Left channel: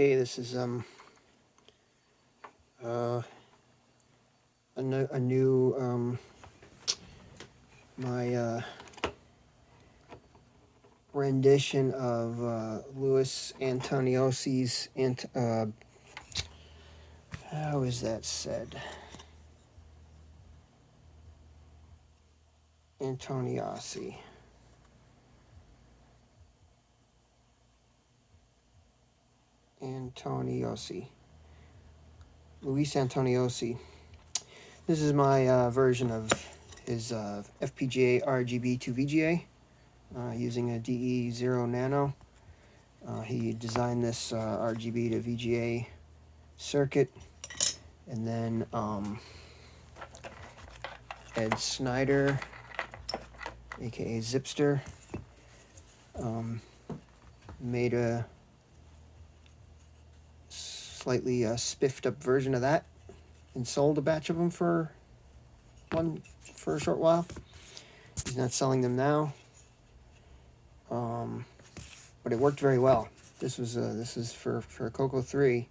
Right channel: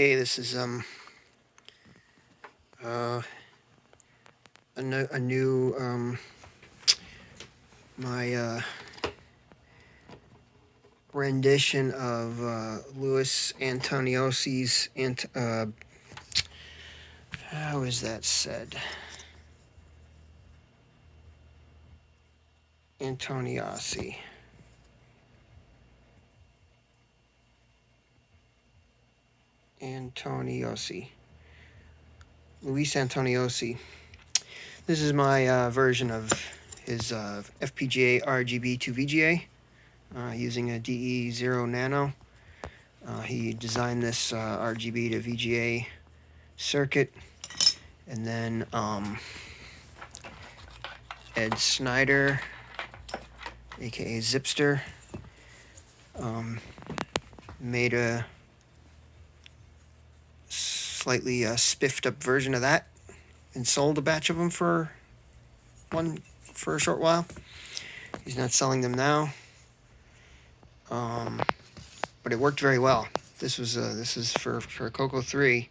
Okay, this is a new my rendition of Louis Antoniosi's how is that said? Antoniosi. Luis Antoniosi. This is my version of his FPGA rgb2vga using a de0-nano. He designed this RGB to VGA circuit, and then Ed Snyder, aka Zipster, made a slightly spiffed up version of that and sold a batch of them for a short while. He's not selling them now, but it worked very well. This is for Coco 3.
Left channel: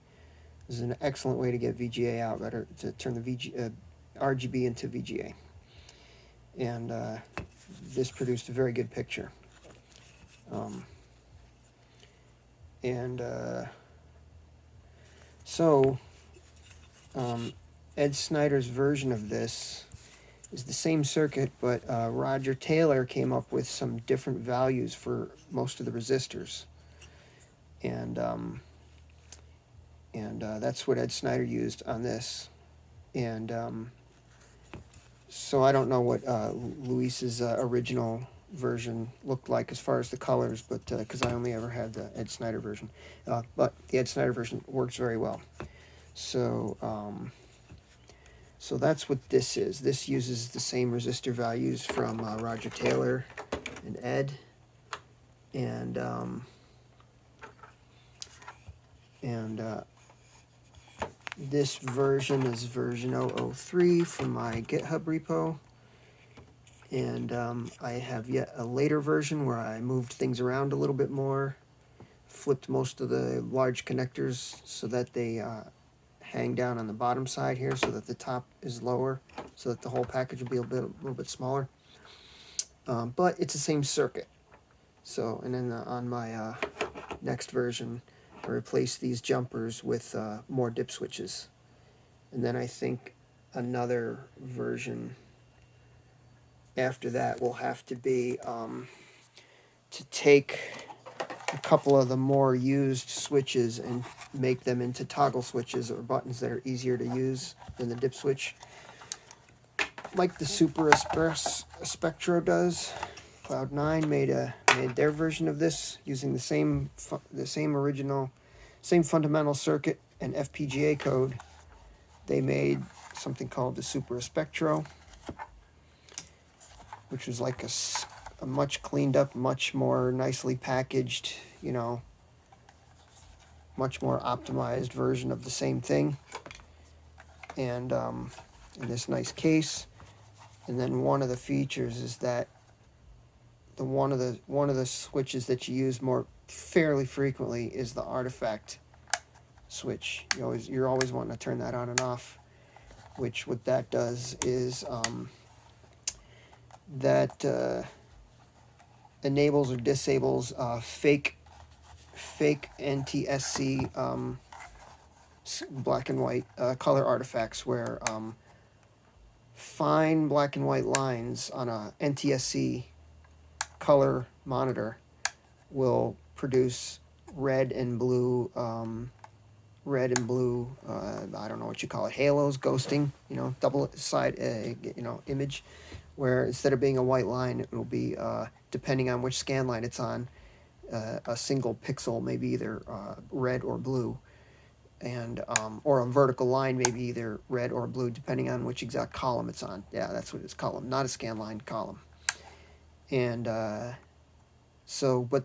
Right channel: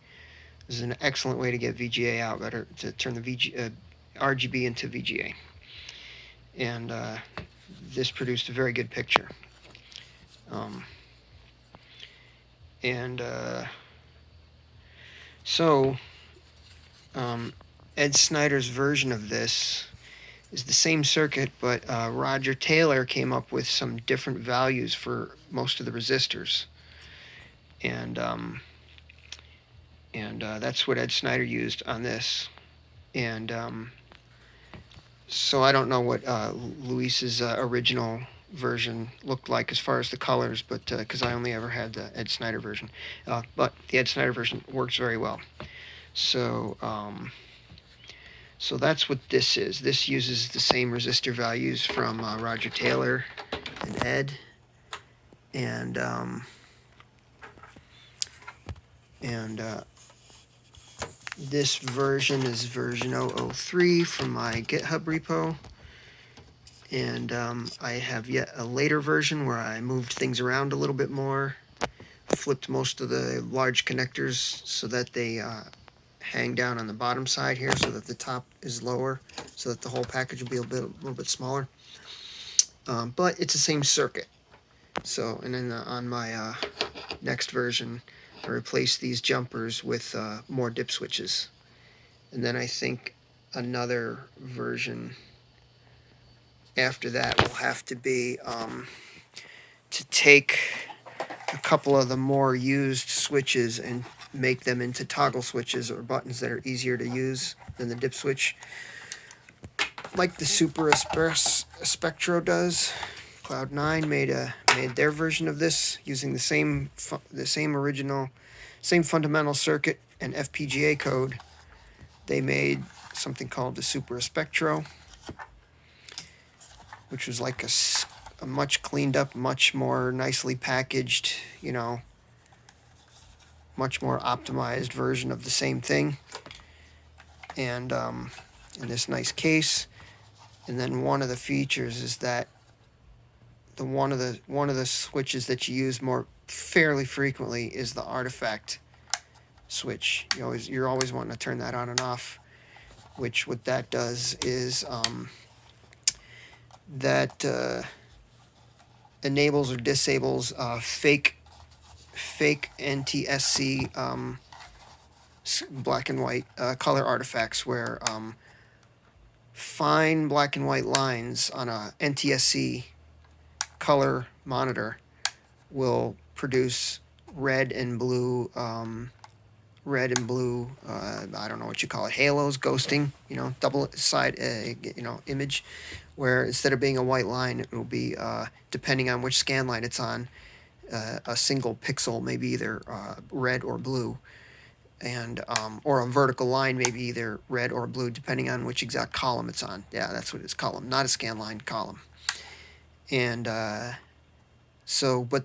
This is an excellent way to get VGA out, better to turn the RGB into VGA, and this produced a very good picture. So Ed Snyder's version of this is the same circuit, but Roger Taylor came up with some different values for most of the resistors, and that's what Ed Snyder used on this. And so I don't know what Luis's original version looked like as far as the colors, but because I only ever had the Ed Snyder version, but the Ed Snyder version works very well. So so that's what this is. This uses the same resistor values from Roger Taylor and Ed, and this version is version 003 from my GitHub repo. And I have yet a later version where I moved things around a little bit more, flipped most of the large connectors so that they hang down on the bottom side here, so that the top is lower, so that the whole package will be a little bit smaller. But it's the same circuit. So, and then on my next version, I replaced these jumpers with more dip switches. And then I think another version after that will have to be to take a couple of the more used switches and make them into toggle switches or buttons that are easier to use than the dip switch, like the Super Spectro does. Cloud9 made their version of this using the same fundamental circuit and FPGA code. They made something called the Super Spectro, which was like a much cleaned up, much more nicely packaged, much more optimized version of the same thing, and in this nice case. And then one of the features is that one of the switches that you use fairly frequently is the artifact switch. You're always wanting to turn that on and off, which what that does is that enables or disables fake NTSC black and white color artifacts, where fine black and white lines on a NTSC color monitor will produce red and blue I don't know what you call it, halos, ghosting, double side image, where instead of being a white line, it will be, depending on which scan line it's on, a single pixel, maybe either red or blue, and or a vertical line, maybe either red or blue, depending on which exact column it's on. Yeah, that's what it's, column, not a scan line, column. And but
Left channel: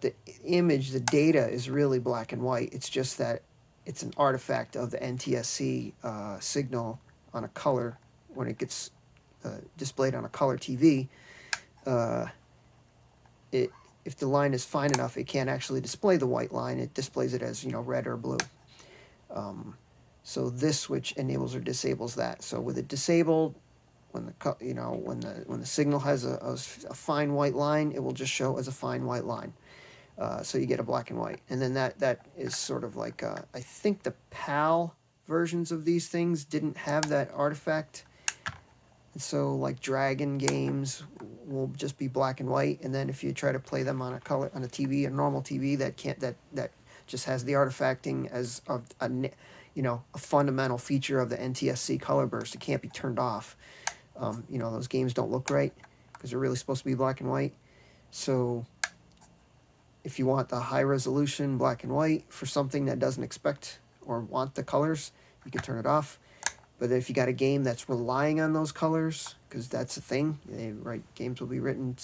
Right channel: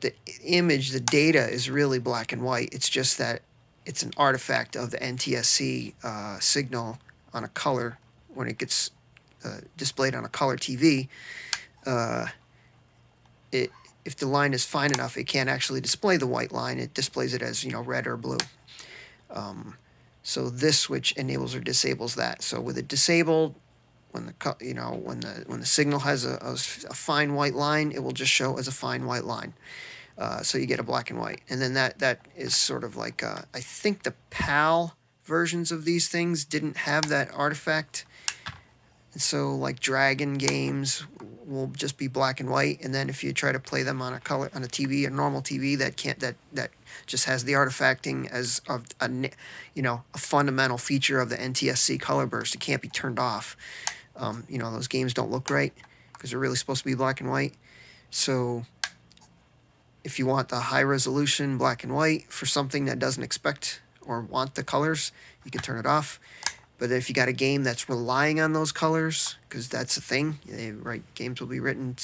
the image, the data is really black and white. It's just that it's an artifact of the NTSC signal on a color. When it gets displayed on a color TV, if the line is fine enough, it can't actually display the white line. It displays it as red or blue. So this switch enables or disables that. So with it disabled, when the signal has a fine white line, it will just show as a fine white line. So you get a black and white. And then that is sort of like, I think the PAL versions of these things didn't have that artifact. And so like Dragon games will just be black and white. And then if you try to play them on a TV, a normal TV that just has the artifacting as a fundamental feature of the NTSC color burst, it can't be turned off. Those games don't look right because they're really supposed to be black and white. So if you want the high resolution black and white for something that doesn't expect or want the colors, you can turn it off. But if you got a game that's relying on those colors, because that's the thing, games will be written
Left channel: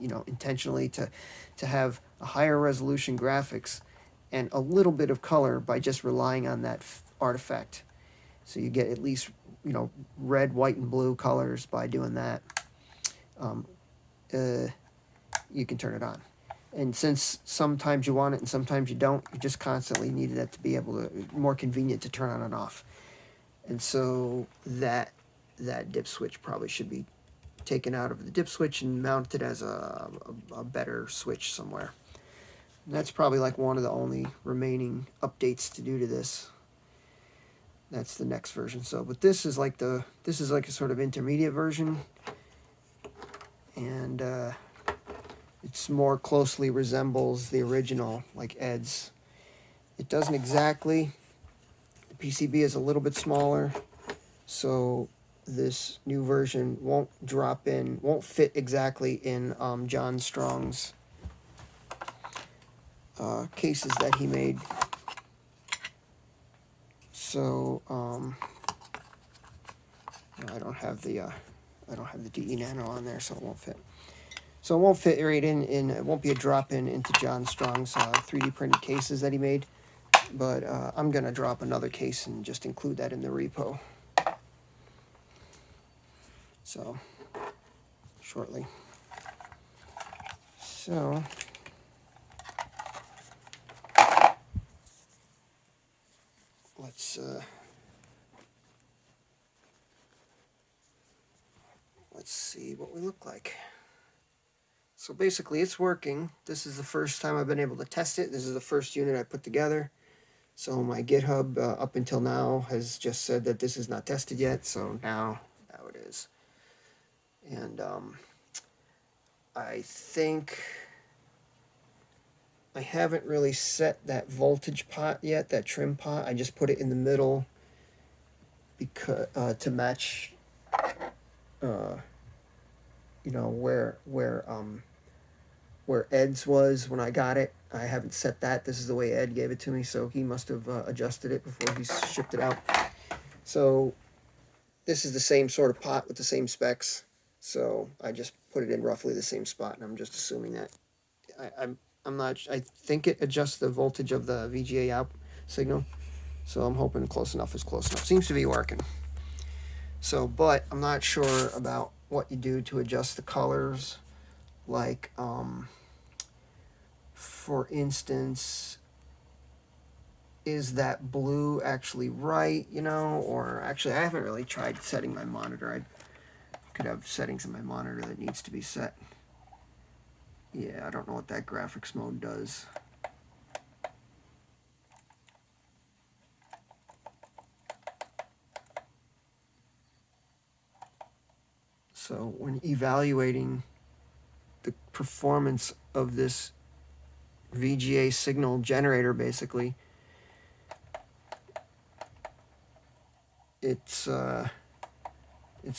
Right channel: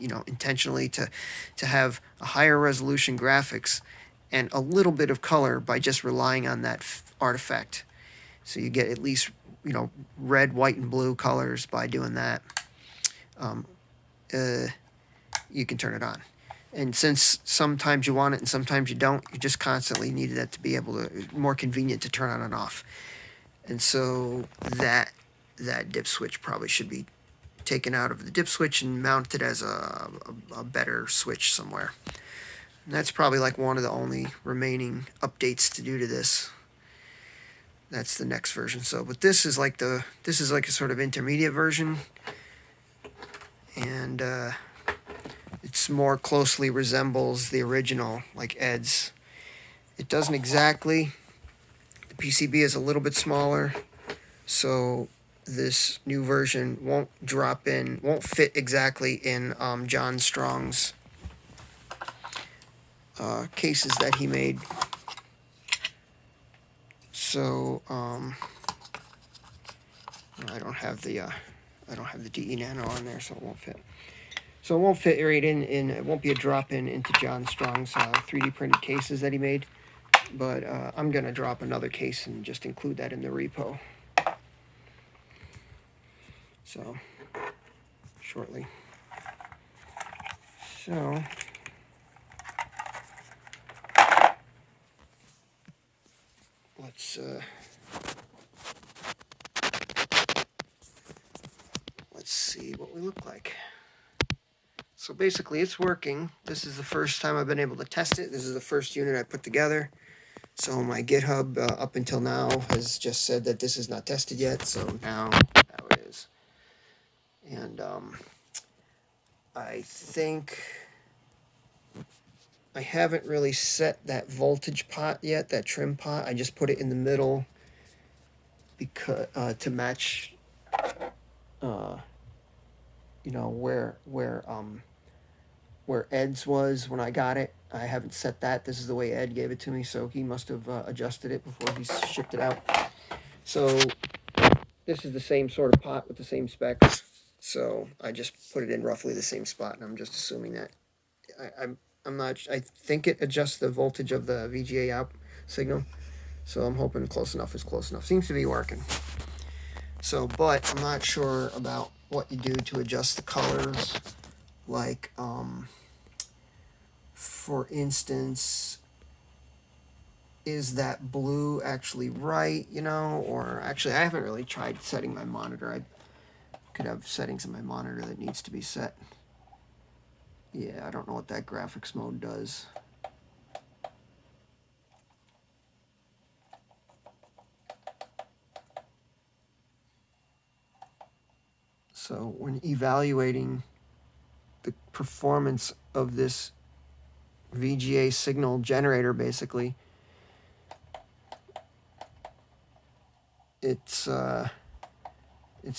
intentionally to have a higher resolution graphics and a little bit of color by just relying on that artifact. So you get at least red, white, and blue colors by doing that. You can turn it on. And since sometimes you want it and sometimes you don't, you just constantly need that to be more convenient to turn on and off. And so that dip switch probably should be taken out of the dip switch and mounted as a better switch somewhere. And that's probably like one of the only remaining updates to do to this. That's the next version. So, but this is like a sort of intermediate version, and it's more closely resembles the original, like Ed's. It doesn't exactly. The PCB is a little bit smaller, so this new version won't fit exactly in John Strong's cases that he made. So I don't have the de0-nano on there, so it won't fit. So it won't fit right in. It won't be a drop-in into John Strong's 3D printed cases that he made. But I'm gonna drop another case and just include that in the repo. So shortly. So let's see what we look like. So basically it's working. This is the first time I've been able to test it. This is the first unit I put together. So my GitHub up until now has just said that this is not tested yet. So now it is. And I think I haven't really set that voltage pot yet, that trim pot. I just put it in the middle because to match where Ed's was when I got it. I haven't set that. This is the way Ed gave it to me, so he must have adjusted it before he shipped it out. So this is the same sort of pot with the same specs. So I just put it in roughly the same spot, and I'm just assuming that I'm not. I think it adjusts the voltage of the VGA out signal. So I'm hoping close enough is close enough. Seems to be working. So, but I'm not sure about what you do to adjust the colors. Like, for instance, is that blue actually right, or actually I haven't really tried setting my monitor. I could have settings in my monitor that needs to be set. Yeah, I don't know what that graphics mode does. So when evaluating the performance of this VGA signal generator, basically, it's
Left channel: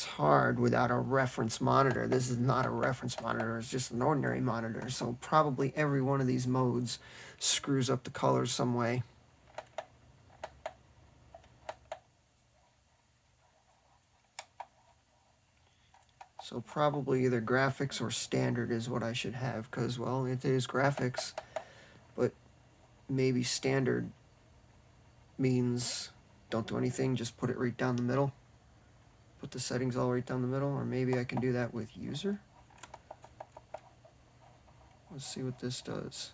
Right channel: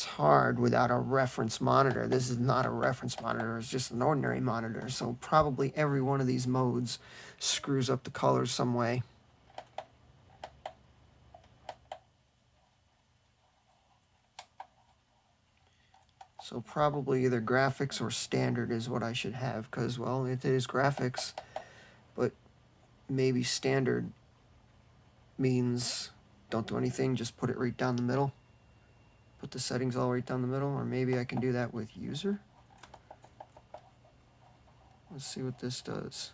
hard without a reference monitor. This is not a reference monitor, it's just an ordinary monitor. So probably every one of these modes screws up the colors some way. So probably either graphics or standard is what I should have, because, well, it is graphics, but maybe standard means don't do anything, just put it right down the middle. Put the settings all right down the middle, or maybe I can do that with user. Let's see what this does.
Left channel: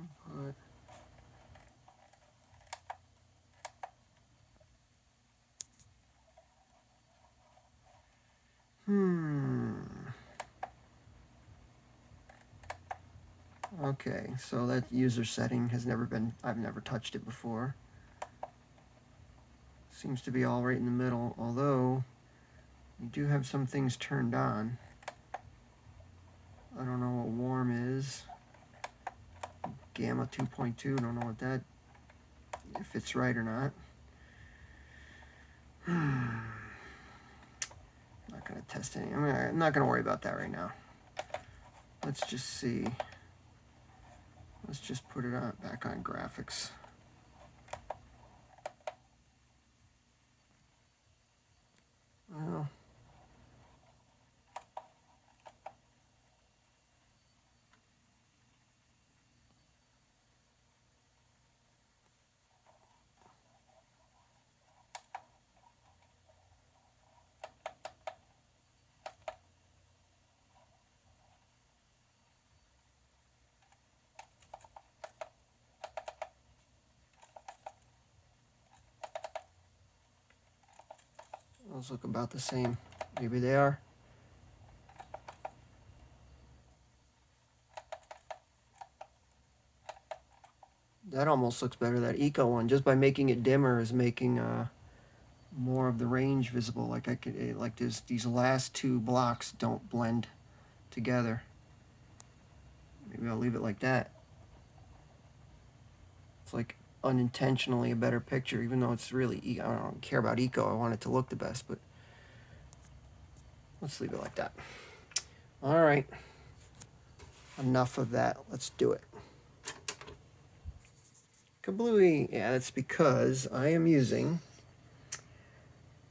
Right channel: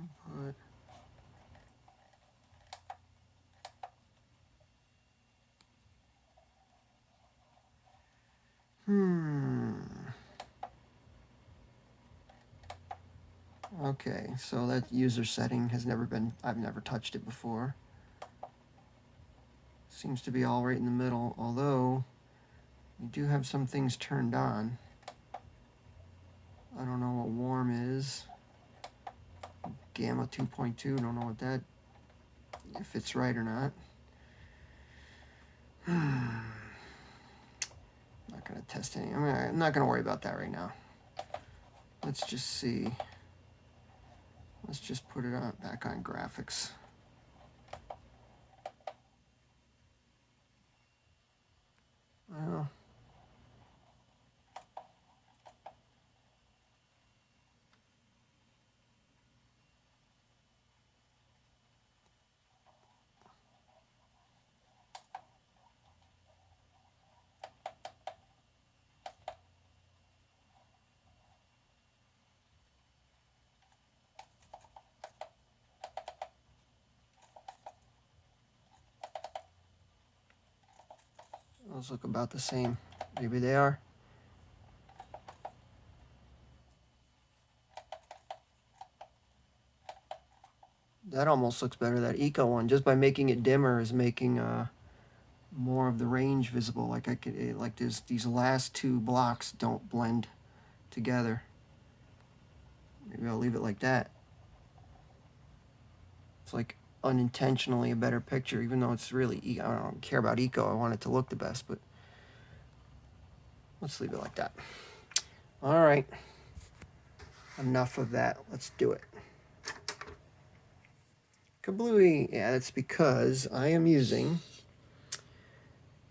Input. Okay, so that user setting has never been, I've never touched it before. Seems to be all right in the middle, although you do have some things turned on. I don't know what warm is. Gamma 2.2, don't know what that, if it's right or not. Not going to test any. I'm not going to worry about that right now. Let's just see. Let's just put it on, back on graphics. Well, those look about the same. Maybe they are. That almost looks better, that eco one. Just by making it dimmer is making more of the range visible. Like I could, like these last two blocks don't blend together. Maybe I'll leave it like that. It's like unintentionally a better picture, even though it's really, I don't care about eco. I want it to look the best, but let's leave it like that. All right. Enough of that. Let's do it. Kablooey. Yeah, that's because I am using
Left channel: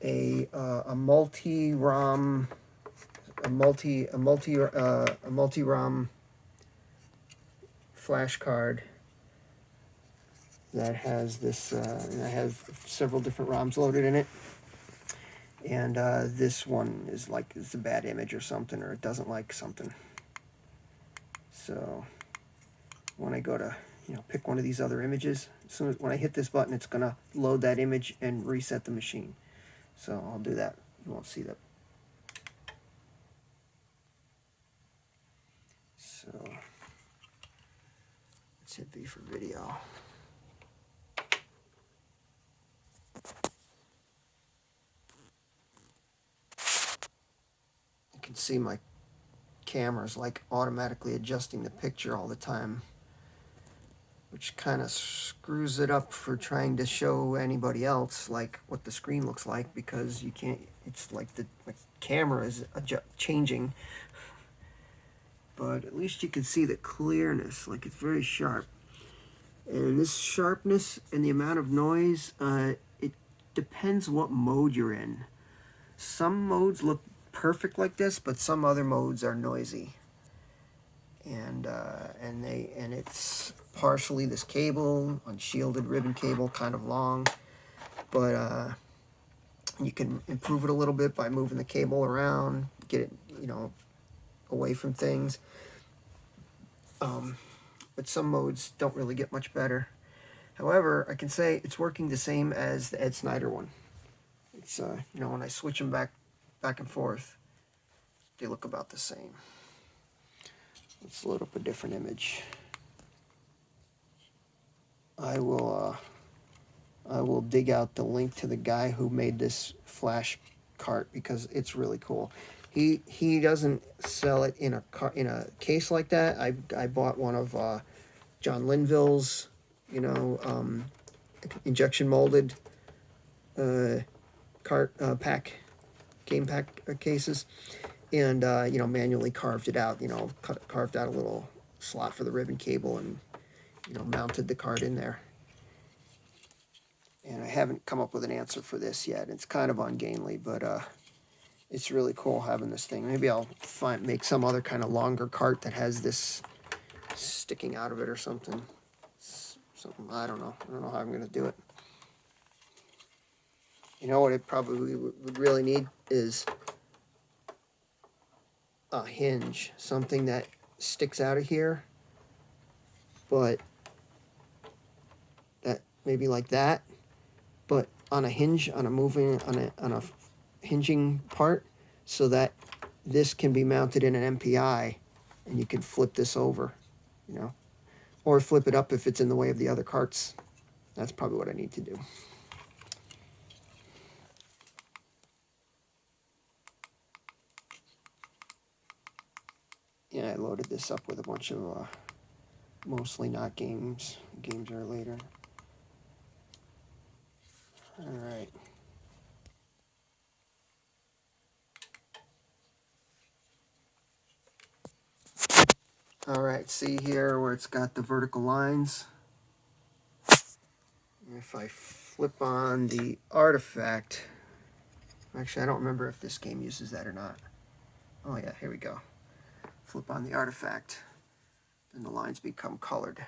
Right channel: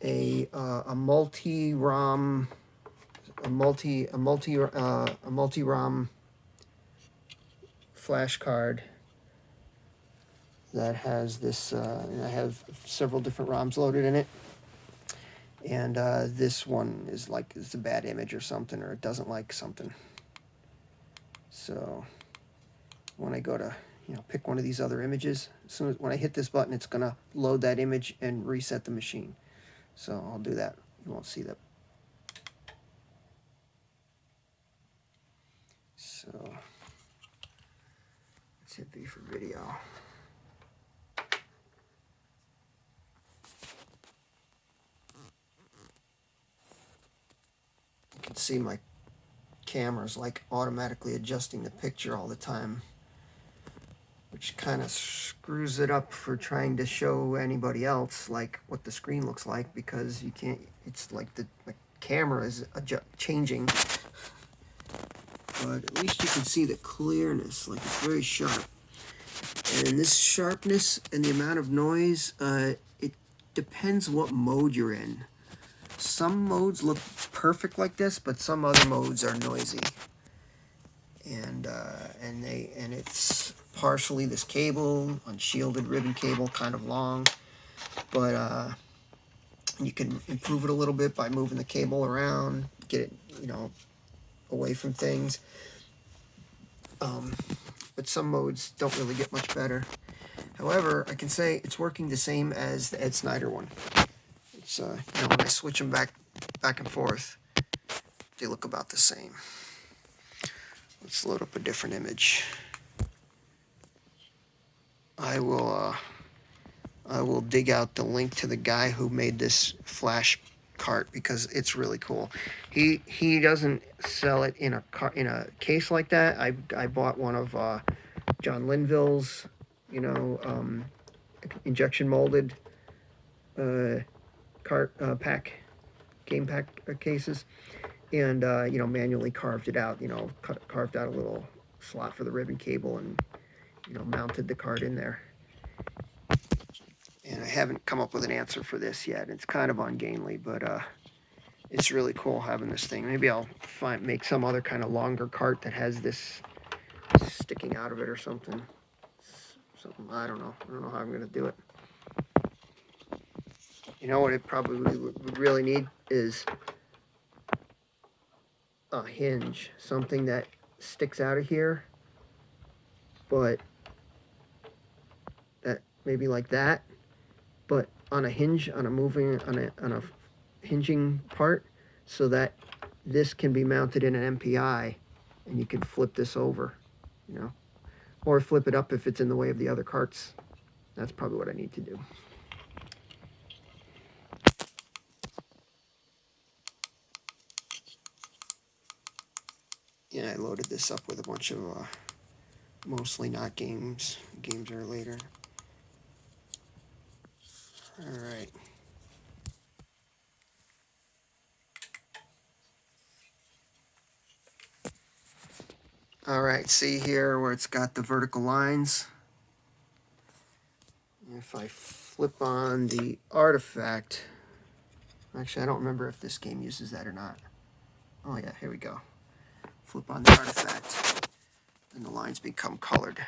a multi-ROM flash card that has this. I have several different ROMs loaded in it, and this one is like it's a bad image or something, or it doesn't like something. So when I go to pick one of these other images, as soon as when I hit this button, it's gonna load that image and reset the machine. So I'll do that. You won't see that. So let's hit V for video. You can see my camera's like automatically adjusting the picture all the time, which kind of screws it up for trying to show anybody else like what the screen looks like, because you can't, it's like the camera is changing, but at least you can see the clearness, like it's very sharp. And this sharpness and the amount of noise, it depends what mode you're in. Some modes look perfect like this, but some other modes are noisy. And it's partially this cable, unshielded ribbon cable, kind of long, but you can improve it a little bit by moving the cable around, get it, away from things. But some modes don't really get much better. However, I can say it's working the same as the Ed Snyder one. It's when I switch them back and forth, they look about the same. Let's load up a different image. I will dig out the link to the guy who made this flash cart, because it's really cool. He doesn't sell it in a case like that. I bought one of John Linville's, injection molded game pack cases, and manually carved it out. Carved out a little slot for the ribbon cable, and mounted the card in there. And I haven't come up with an answer for this yet. It's kind of ungainly, but it's really cool having this thing. Maybe I'll make some other kind of longer cart that has this sticking out of it or something. I don't know. I don't know how I'm going to do it. You know what it probably would really need is a hinge, something that sticks out of here, but maybe like that, but on a hinge, on a hinging part, so that this can be mounted in an MPI, and you can flip this over, you know, or flip it up if it's in the way of the other carts. That's probably what I need to do. Yeah, I loaded this up with a bunch of mostly not games. Games are later. All right. All right, see here where it's got the vertical lines. If I flip on the artifact, actually I don't remember if this game uses that or not. Oh yeah, here we go. Flip on the artifact, and the lines become colored.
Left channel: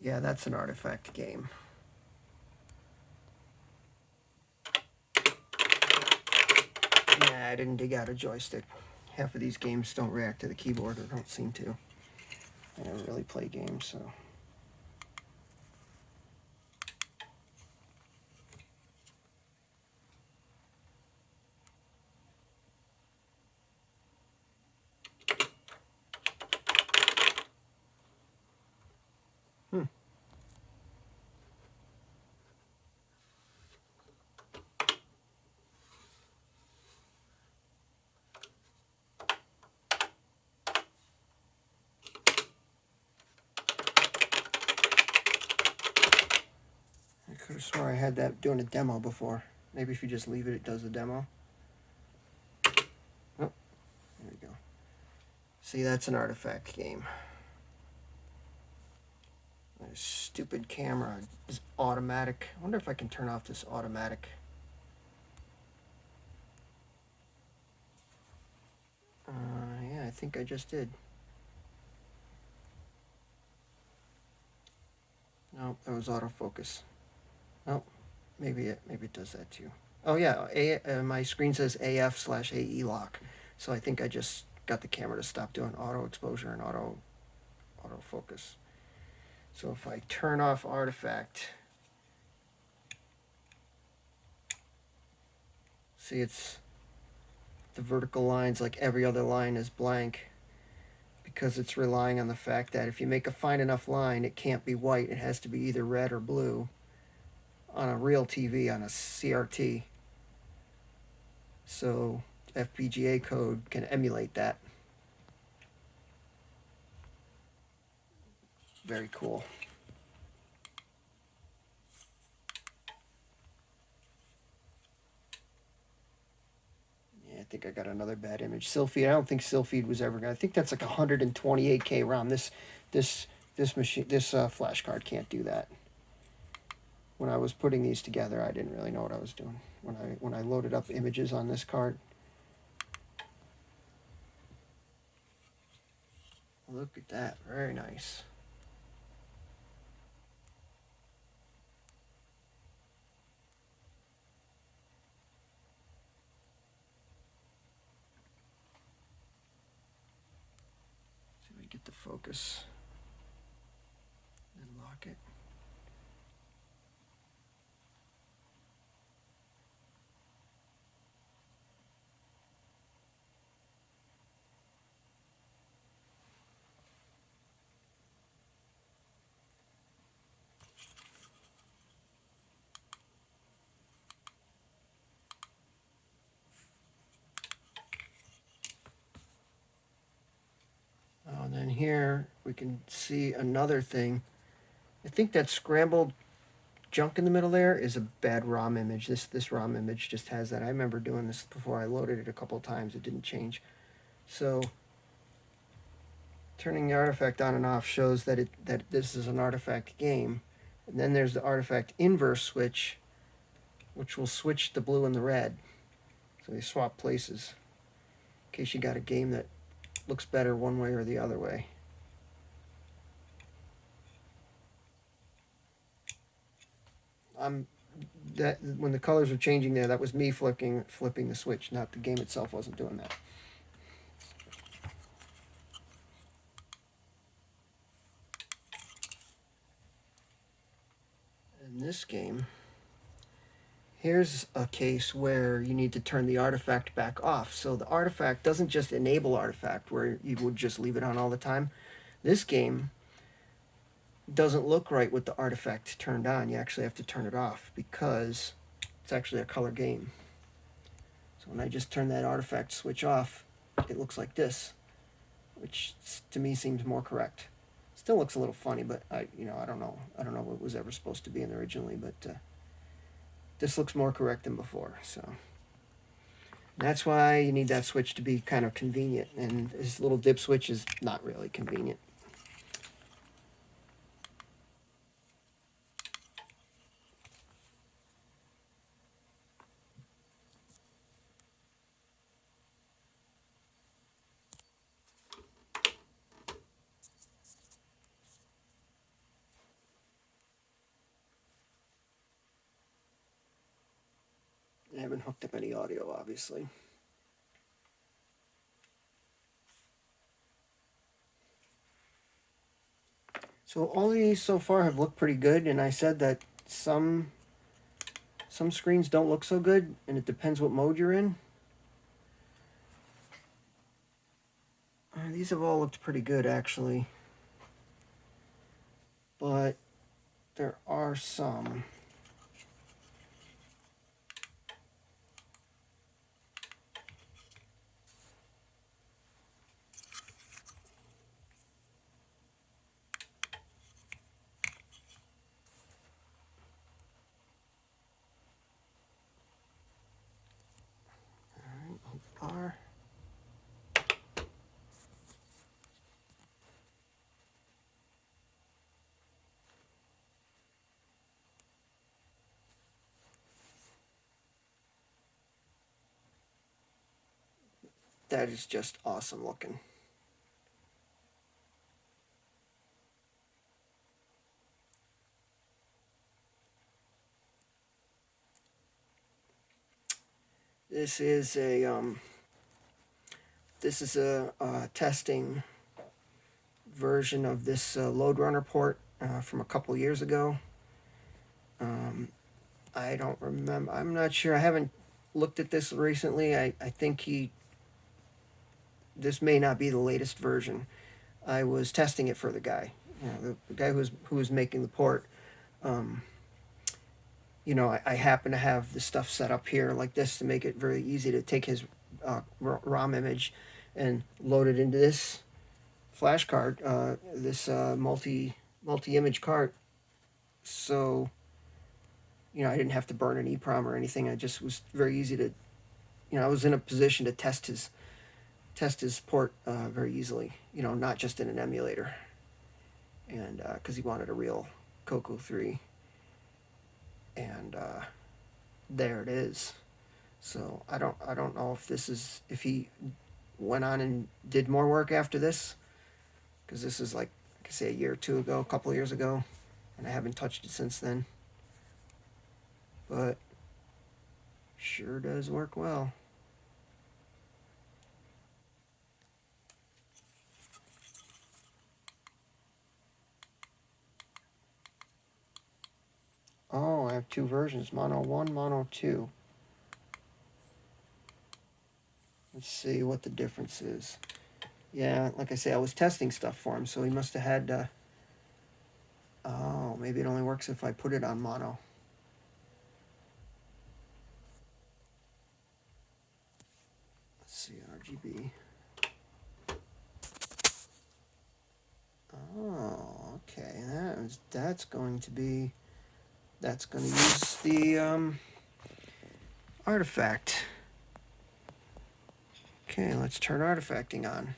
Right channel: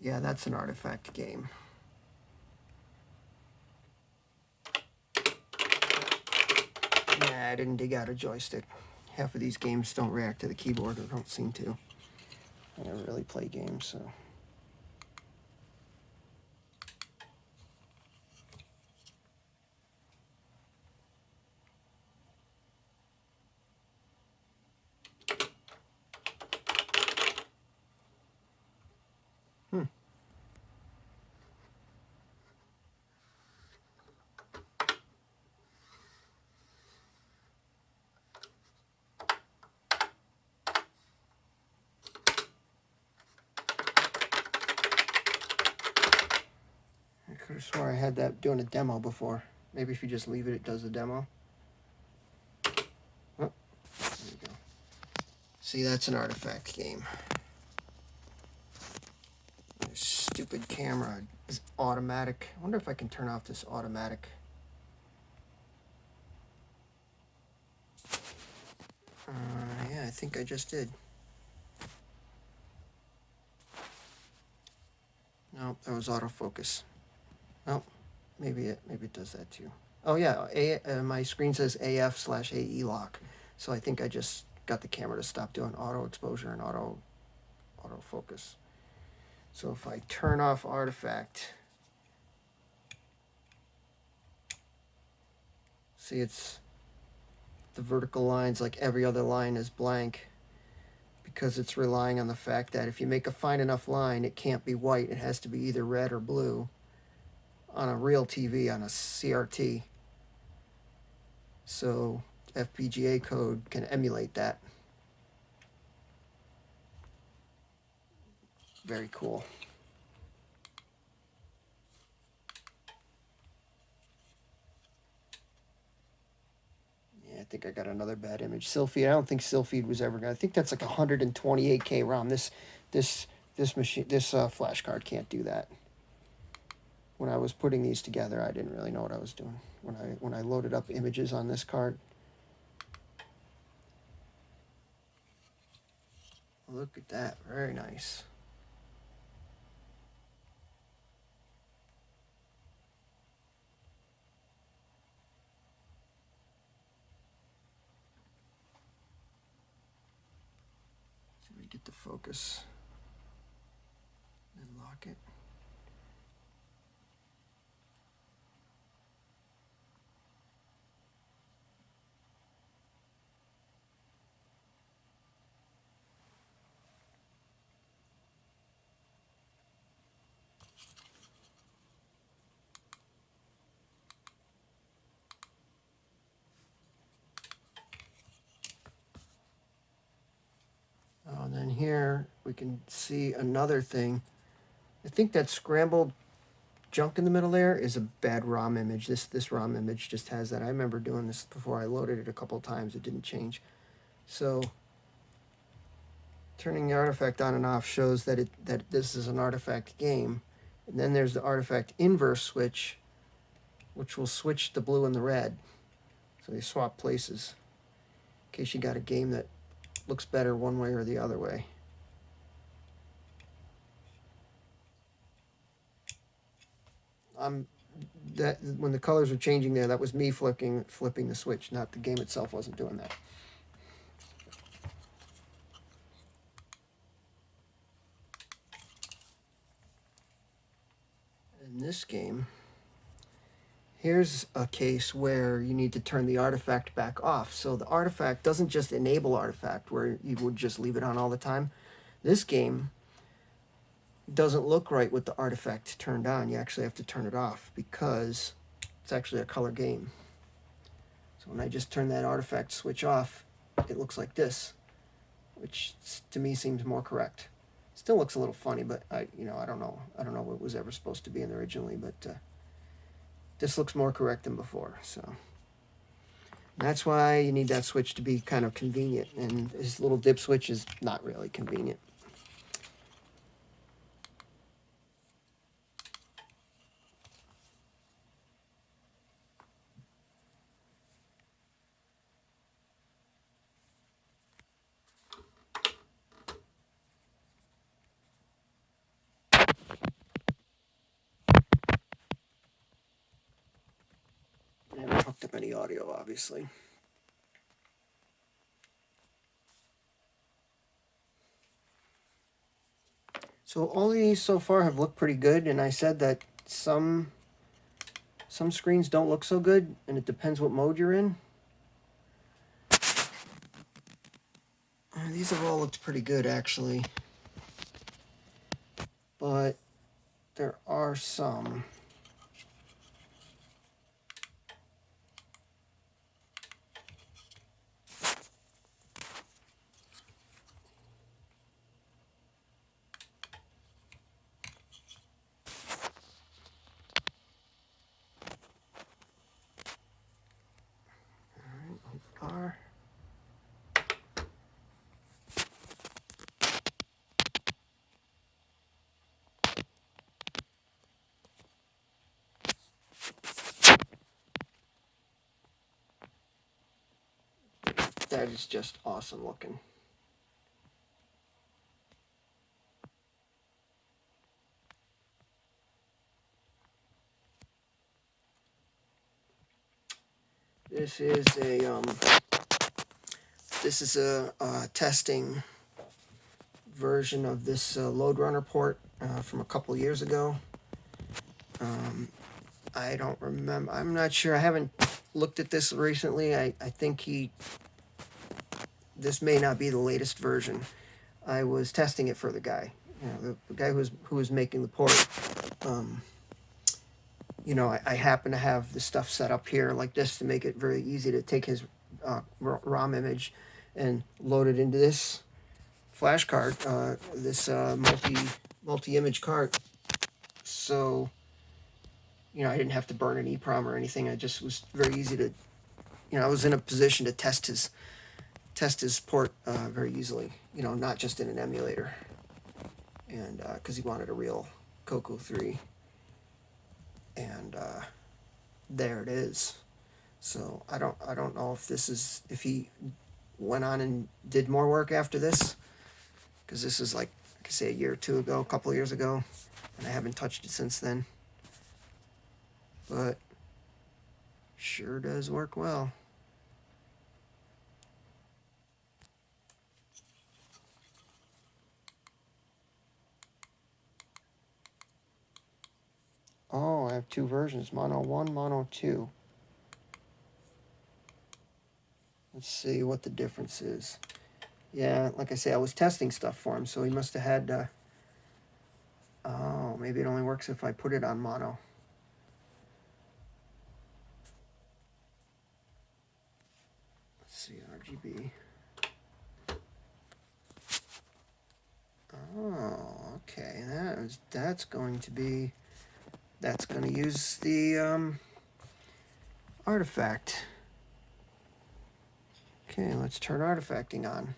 Yeah, that's an artifact game. Nah, I didn't dig out a joystick. Half of these games don't react to the keyboard, or don't seem to. I never really play games, so. I could have swore I had that doing a demo before. Maybe if you just leave it, it does the demo. Oh, there we go. See, that's an artifact game. This stupid camera is automatic. I wonder if I can turn off this automatic. Yeah, I think I just did. No, that was autofocus. Oh, maybe it does that too. Oh yeah, my screen says AF/AE lock. So I think I just got the camera to stop doing auto exposure and autofocus. So if I turn off artifact, see, it's the vertical lines, like every other line, is blank, because it's relying on the fact that if you make a fine enough line, it can't be white. It has to be either red or blue on a real TV, on a CRT. So FPGA code can emulate that. Very cool. Yeah, I think I got another bad image. Silpheed, I don't think Silpheed was ever gonna. I think that's like 128K ROM. This flash card can't do that. When I was putting these together, I didn't really know what I was doing. When I loaded up images on this card. Look at that, very nice. See if we get the focus and lock it. Oh, and then here we can see another thing. I think that scrambled junk in the middle there is a bad ROM image. This ROM image just has that. I remember doing this before. I loaded it a couple of times. It didn't change. So turning the artifact on and off shows that this is an artifact game. And then there's the artifact inverse switch, which will switch the blue and the red. So they swap places in case you got a game that looks better one way or the other way. That when the colors were changing there, that was me flipping the switch, not the game itself wasn't doing that. In this game, here's a case where you need to turn the artifact back off. So the artifact doesn't just enable artifact where you would just leave it on all the time. This game doesn't look right with the artifact turned on. You actually have to turn it off because it's actually a color game. So when I just turn that artifact switch off, it looks like this, which to me seems more correct. Still looks a little funny, but I don't know what it was ever supposed to be in originally, but this looks more correct than before. So that's why you need that switch to be kind of convenient, and this little dip switch is not really convenient. I haven't hooked up any audio, obviously. So all these so far have looked pretty good, and I said that some screens don't look so good, and it depends what mode you're in. These have all looked pretty good, actually. But there are some. Are. That is just awesome looking. This is a testing version of this load runner port from a couple years ago. I don't remember. I'm not sure. I haven't looked at this recently. I think this may not be the latest version. I was testing it for the guy. The guy who was making the port. I happen to have the stuff set up here like this to make it very easy to take his ROM image and load it into this flash card, this multi-image card. So, I didn't have to burn an EEPROM or anything. I just was very easy to, I was in a position to test his port very easily. Not just in an emulator, and because he wanted a real Coco 3. And there it is. So I don't know if he went on and did more work after this, because this is like I say a year or two ago, a couple of years ago, and I haven't touched it since then. But sure does work well. Oh, I have two versions, Mono 1, Mono 2. Let's see what the difference is. Yeah, like I say, I was testing stuff for him, so he must have had... oh, maybe it only works if I put it on Mono. Let's see, RGB. Oh, okay. That's going to use the artifact. Okay, let's turn artifacting on.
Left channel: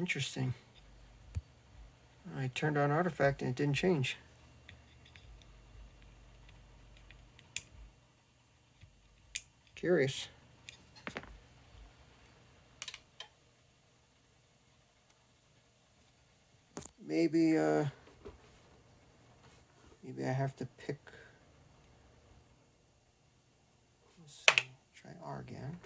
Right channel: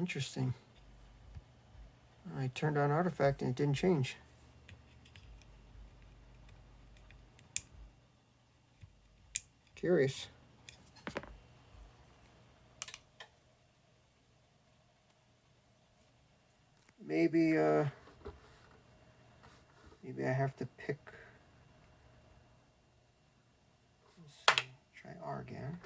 Interesting. I turned on artifact and it didn't change. Curious. Maybe maybe I have to pick. Let's see. Try R again.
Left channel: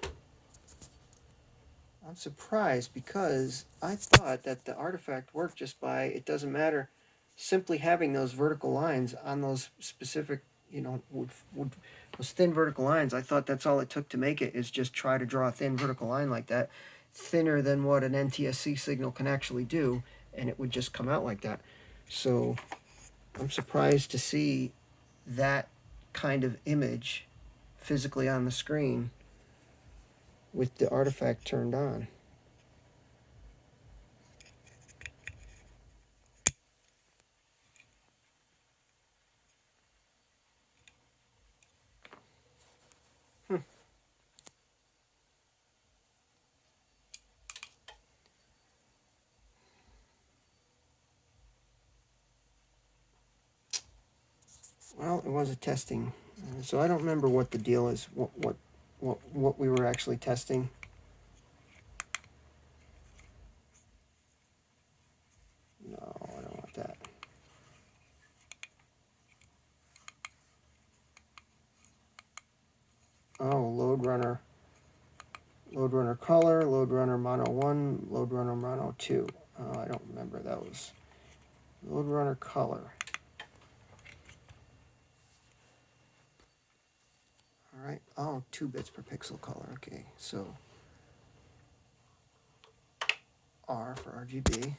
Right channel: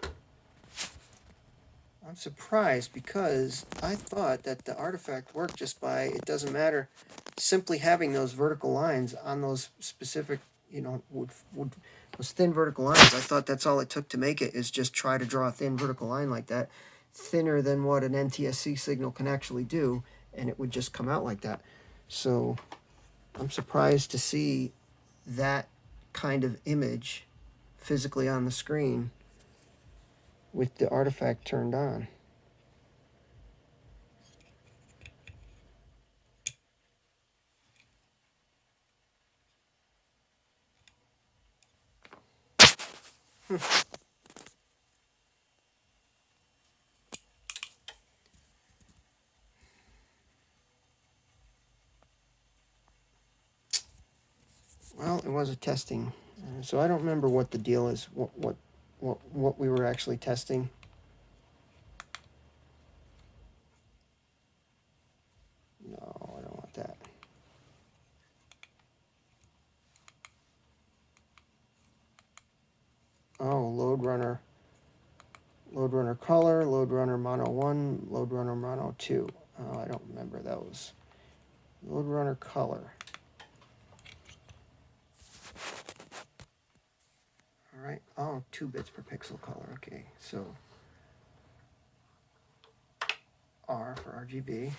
I'm surprised because I thought that the artifact worked just by, it doesn't matter, simply having those vertical lines on those specific, you know, those thin vertical lines. I thought that's all it took to make it, is just try to draw a thin vertical line like that, thinner than what an NTSC signal can actually do, and it would just come out like that. So I'm surprised to see that kind of image physically on the screen with the artifact turned on. Well, it was a testing, so I don't remember what the deal is. What we were actually testing. No, I don't want that. Oh, load runner color, load runner mono 1, load runner mono 2. Oh, I don't remember those. Load runner color. All right. Oh, 2 bits per pixel color. Okay, so R for RGB.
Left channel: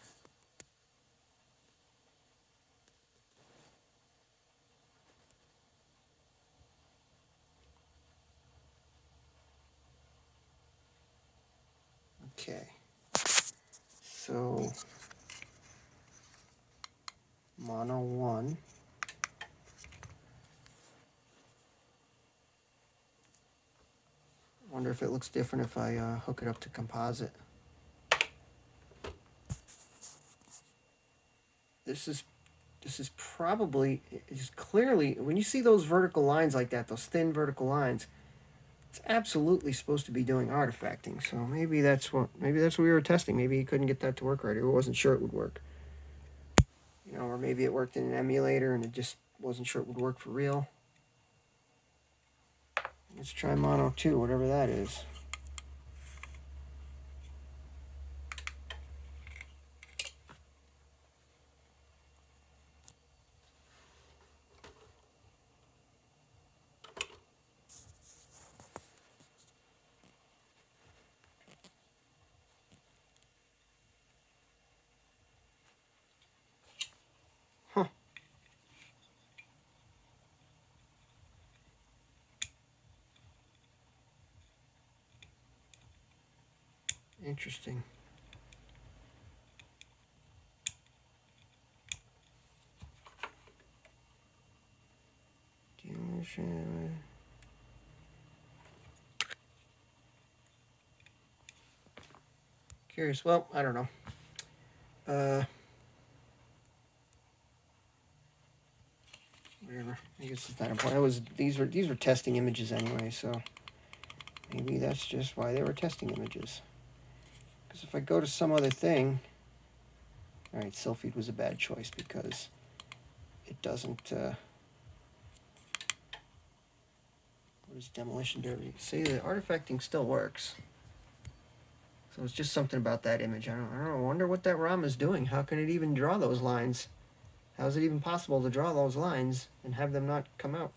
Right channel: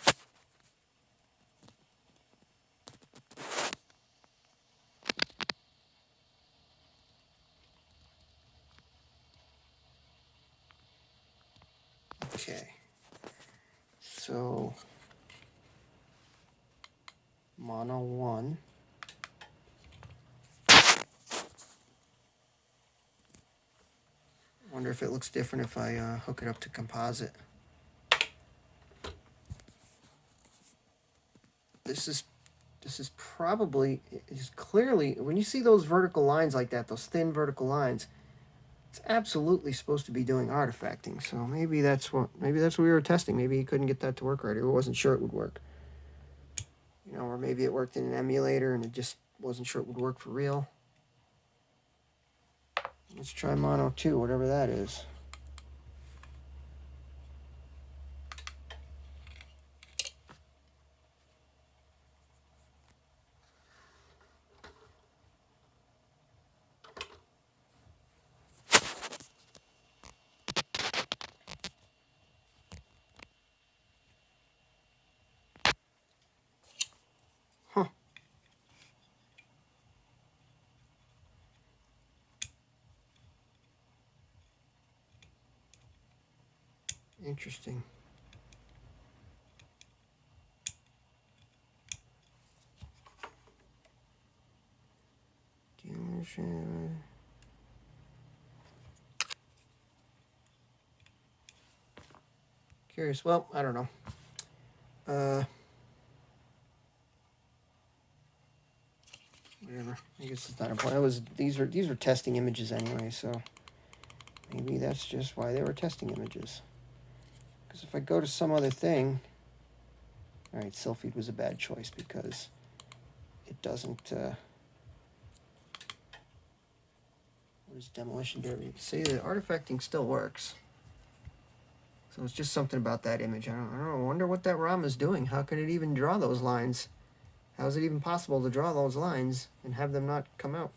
Okay. So mono 1. Wonder if it looks different if I hook it up to composite. This is probably, is clearly, when you see those vertical lines like that, those thin vertical lines, it's absolutely supposed to be doing artifacting. So maybe that's what we were testing. Maybe he couldn't get that to work right, or wasn't sure it would work. You know, or maybe it worked in an emulator and it just wasn't sure it would work for real. Let's try mono 2, whatever that is. Huh. Interesting. Curious. Well, I don't know. Whatever. I guess it's not important. These were testing images anyway, so maybe that's just why they were testing images. Because if I go to some other thing, all right, Sylpheed was a bad choice because it doesn't. What is demolition derby? See, the artifacting still works. So it's just something about that image. I don't know. I wonder what that ROM is doing. How can it even draw those lines? How is it even possible to draw those lines and have them not come out?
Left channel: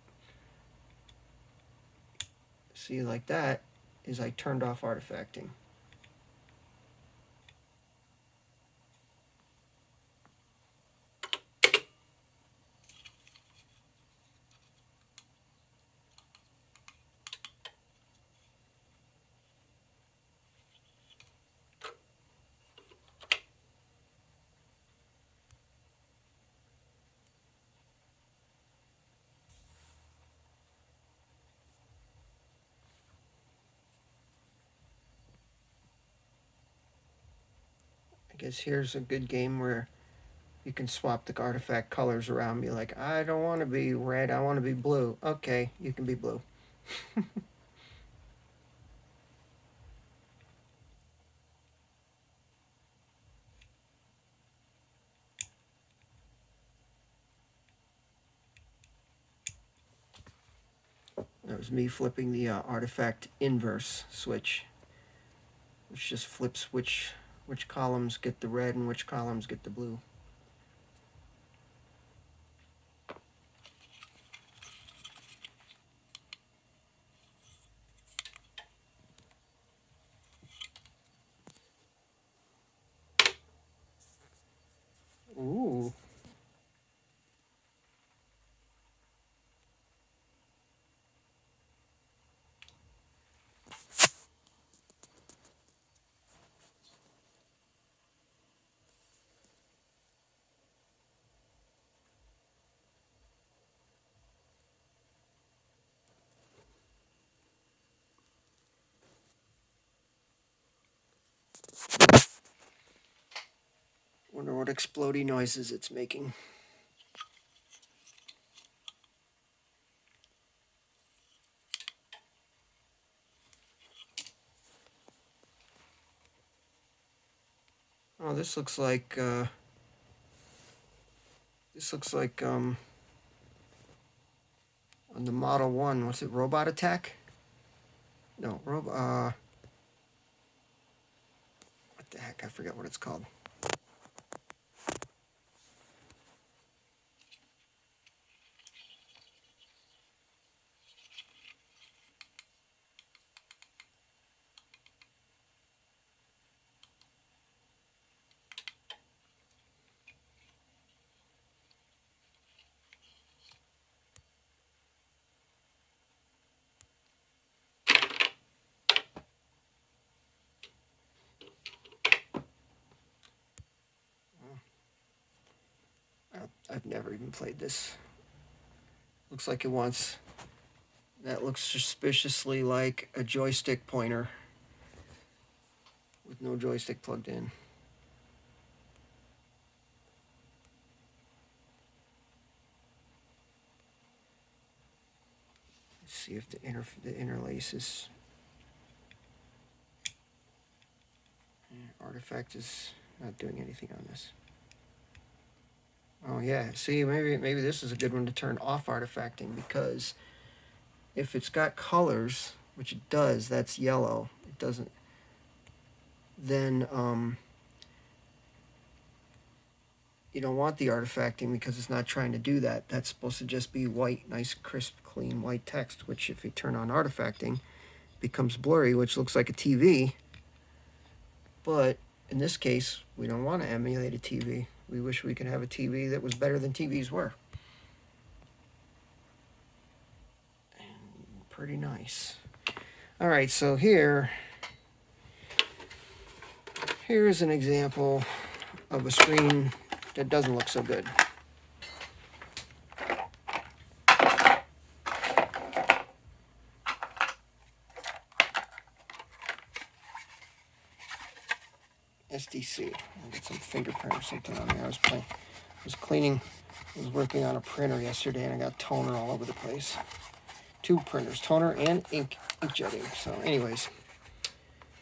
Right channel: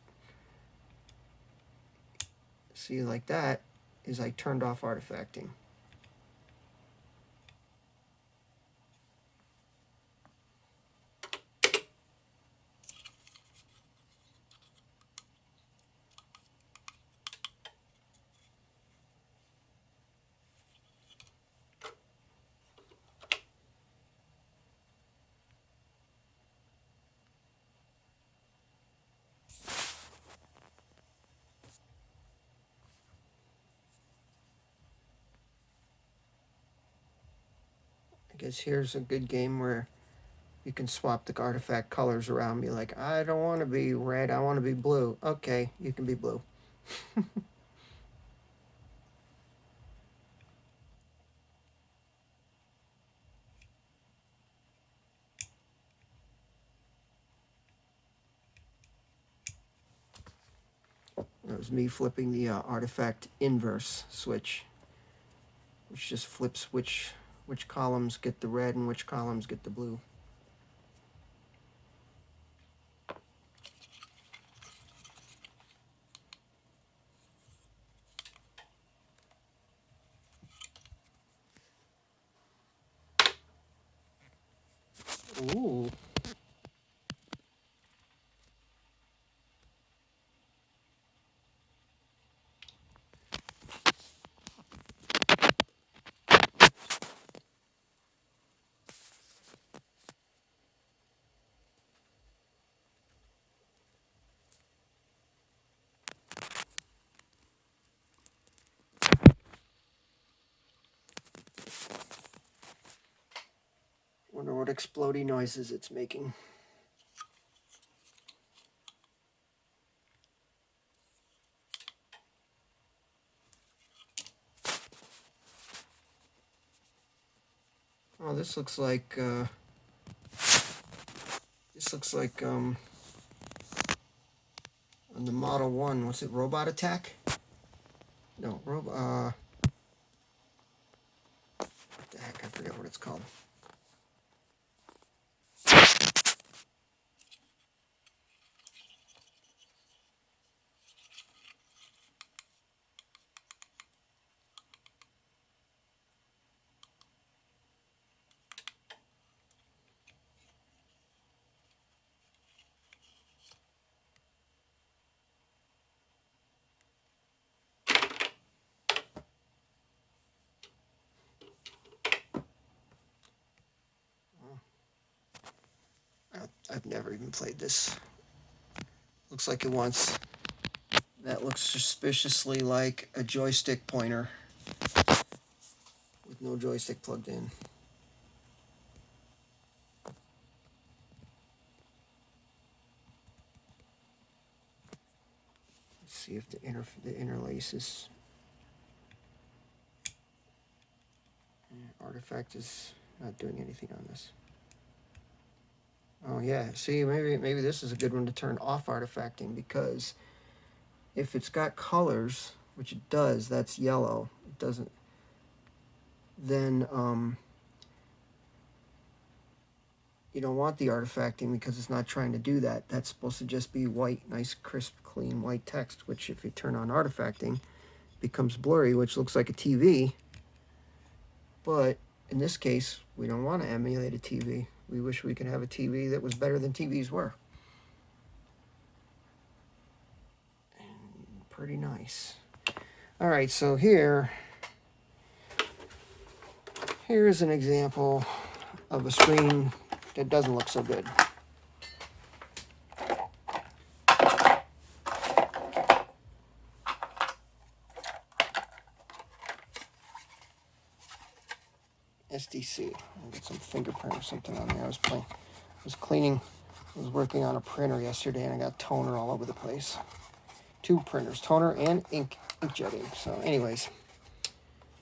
See, like that is I turned off artifacting. guess here's a good game where you can swap the artifact colors around. Be like, I don't want to be red, I want to be blue. Okay, you can be blue. That was me flipping the artifact inverse switch, which just flips which columns get the red and which columns get the blue. Ooh. Wonder what explodey noises it's making. Oh, this looks like on the Model 1, what's it, Robot Attack? No, what the heck, I forget what it's called. I've never even played this. Looks like it wants, that looks suspiciously like a joystick pointer with no joystick plugged in. Let's see if the interlace is, artifact is not doing anything on this. Oh yeah, see, maybe this is a good one to turn off artifacting, because if it's got colors, which it does, that's yellow, it doesn't, then you don't want the artifacting because it's not trying to do that. That's supposed to just be white, nice, crisp, clean white text, which if you turn on artifacting becomes blurry, which looks like a TV. But in this case, we don't want to emulate a TV. We wish we could have a TV that was better than TVs were. And pretty nice. All right, so here's an example of a screen that doesn't look so good. SDC. I'll get some fingerprint or something on there. I was working on a printer yesterday, and I got toner all over the place. Two printers, toner and inkjetting. So anyways,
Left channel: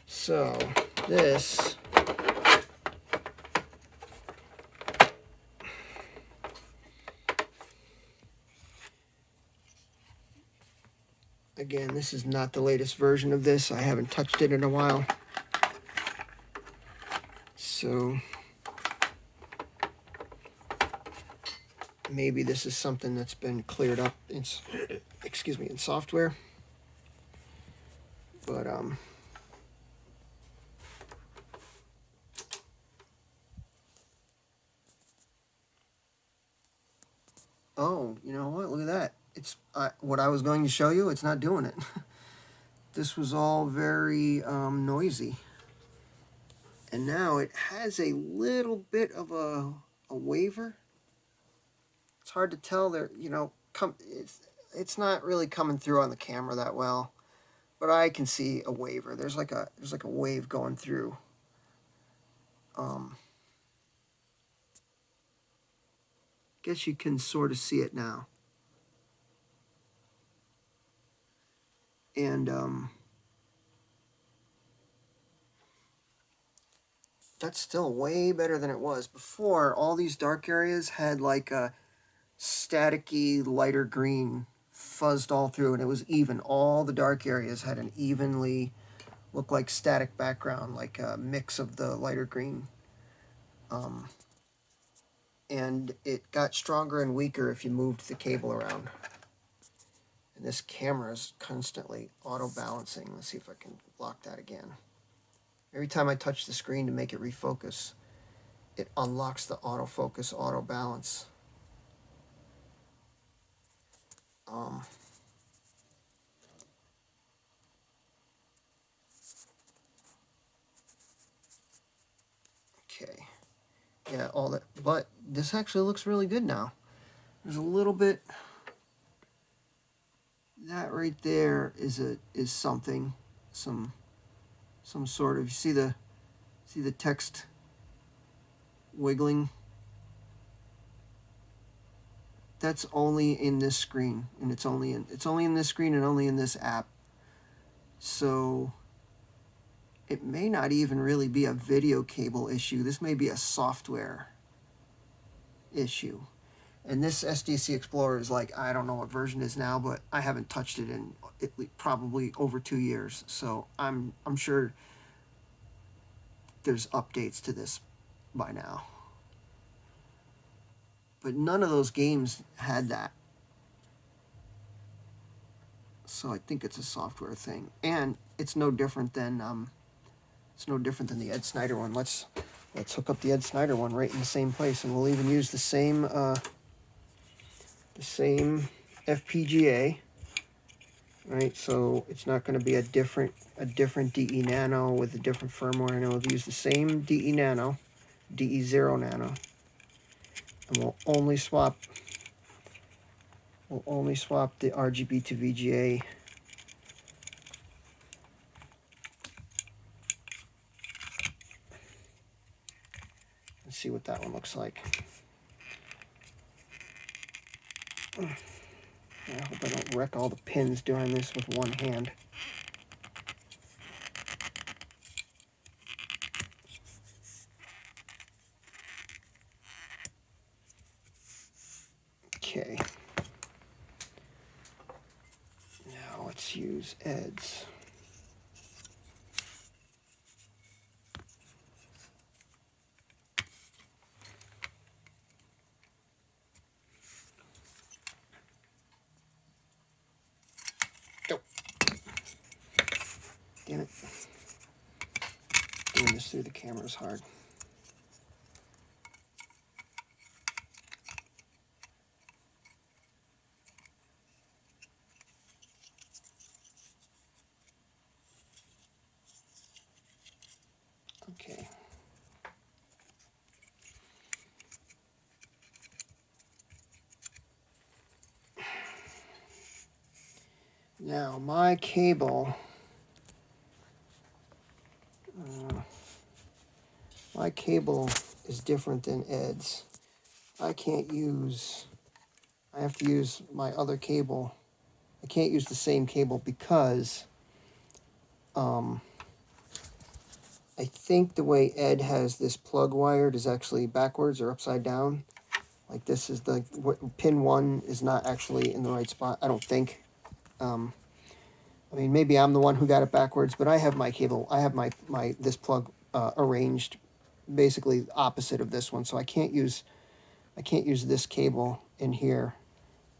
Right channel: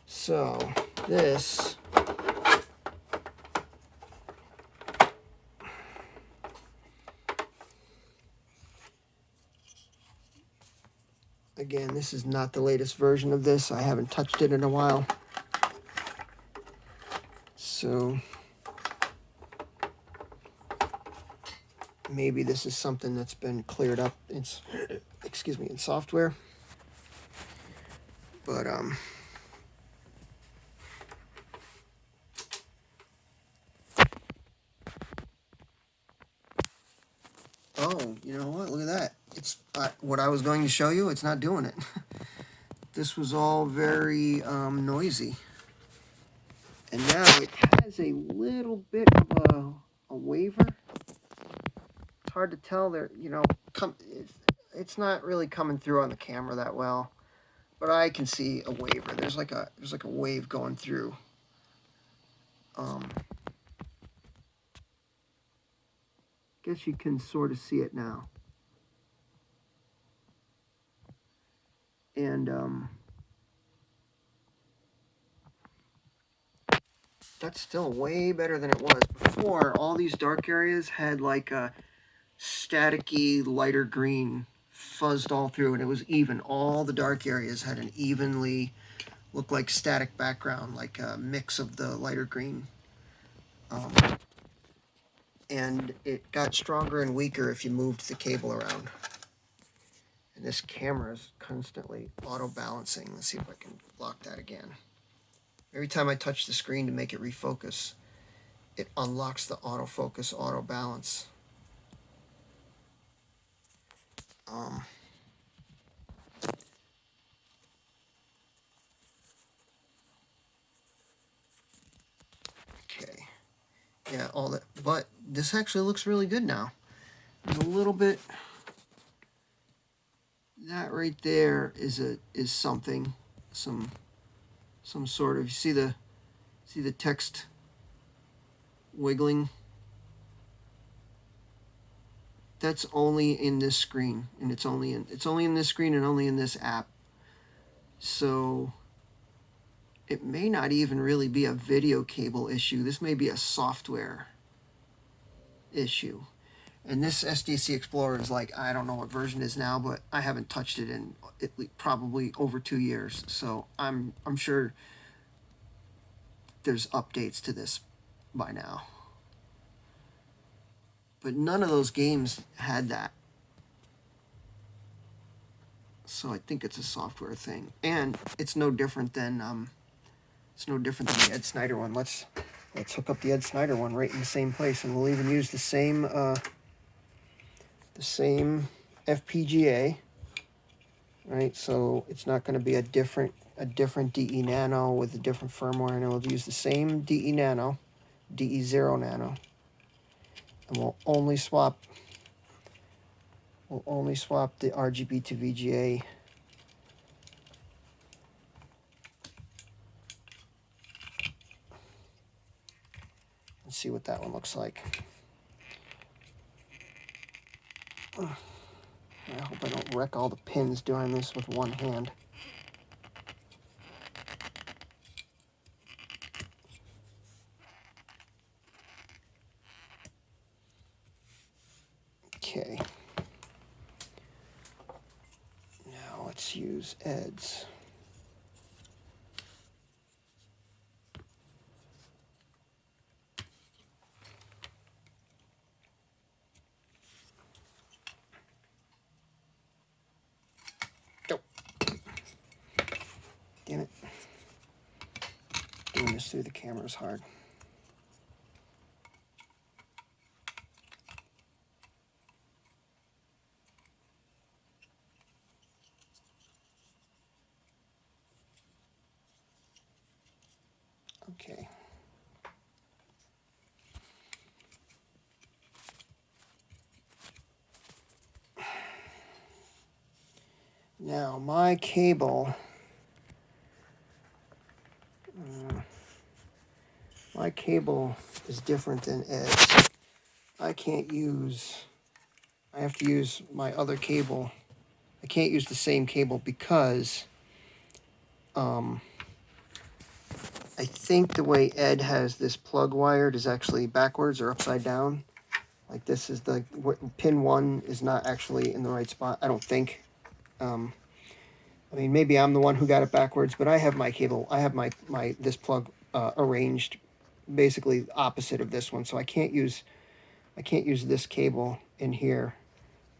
so this again, this is not the latest version of this. I haven't touched it in a while. So maybe this is something that's been cleared up in, in software. But oh, you know what? Look at that. It's what I was going to show you. It's not doing it. This was all very noisy. And now it has a little bit of a waver. It's hard to tell there, you know, it's not really coming through on the camera that well, but I can see a waver. There's like a wave going through. guess you can sort of see it now. And that's still way better than it was. Before, all these dark areas had like a staticky lighter green fuzzed all through, and it was even. All the dark areas had an evenly, looked like static background, like a mix of the lighter green. And it got stronger and weaker if you moved the cable around. And this camera is constantly auto-balancing. Let's see if I can block that again. Every time I touch the screen to make it refocus, it unlocks the autofocus, auto-balance. Okay. Yeah, all that. But this actually looks really good now. There's a little bit. That right there is something, some sort of. You see the text wiggling. That's only in this screen, and it's only in this screen and only in this app. So it may not even really be a video cable issue. This may be a software issue. And this SDC Explorer is like, I don't know what version it is now, but I haven't touched it in probably over 2 years. So I'm sure there's updates to this by now. But none of those games had that. So I think it's a software thing. And it's no different than the Ed Snyder one. Let's hook up the Ed Snyder one right in the same place, and we'll even use the same FPGA, right? So it's not going to be a different de-nano with a different firmware, and we'll use the same de-nano, de0-nano, and we'll only swap the rgb2vga. Let's see what that one looks like. I hope I don't wreck all the pins doing this with one hand. Okay. Now let's use Ed's. Damn it. Doing this through the camera is hard. Okay. Now my cable. My cable is different than Ed's. I have to use my other cable. I can't use the same cable because I think the way Ed has this plug wired is actually backwards or upside down. Like this is pin 1 is not actually in the right spot, I don't think. I mean, maybe I'm the one who got it backwards, but I have my cable, I have this plug arranged basically opposite of this one, so I can't use this cable in here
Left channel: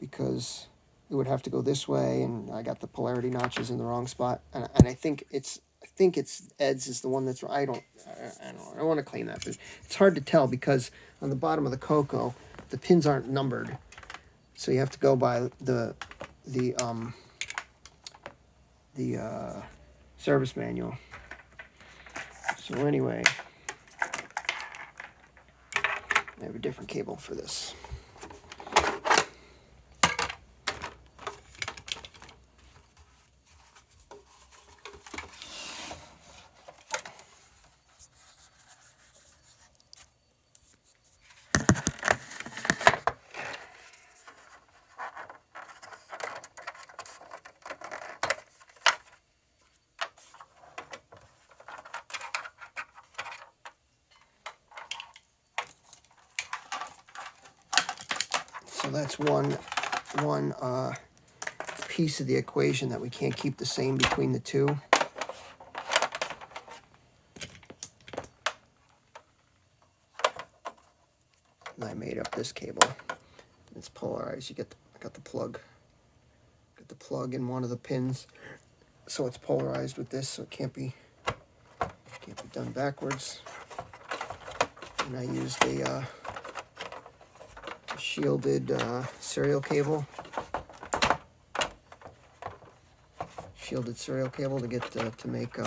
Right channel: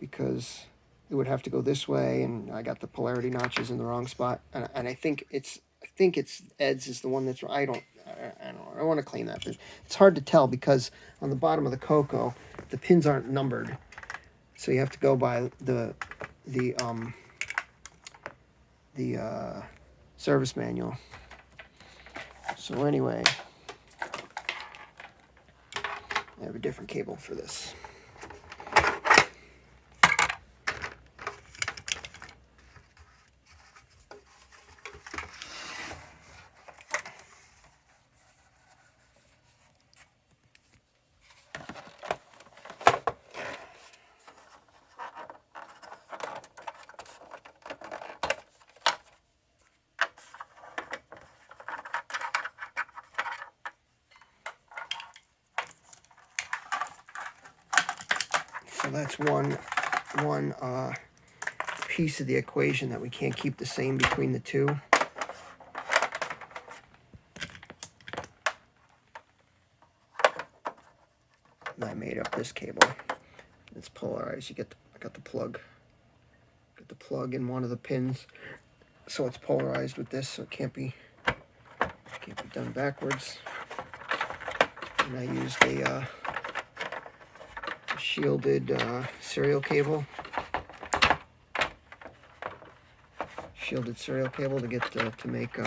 because it would have to go this way, and I got the polarity notches in the wrong spot, and I think it's Ed's is the one that's I don't want to claim that, but it's hard to tell because on the bottom of the Coco the pins aren't numbered, so you have to go by the service manual. So anyway, I have a different cable for this. So that's one piece of the equation that we can't keep the same between the two. And I made up this cable. It's polarized. I got the plug. Got the plug in one of the pins, so it's polarized with this, so it can't be done backwards. And I used a shielded serial cable. Shielded serial cable to get to make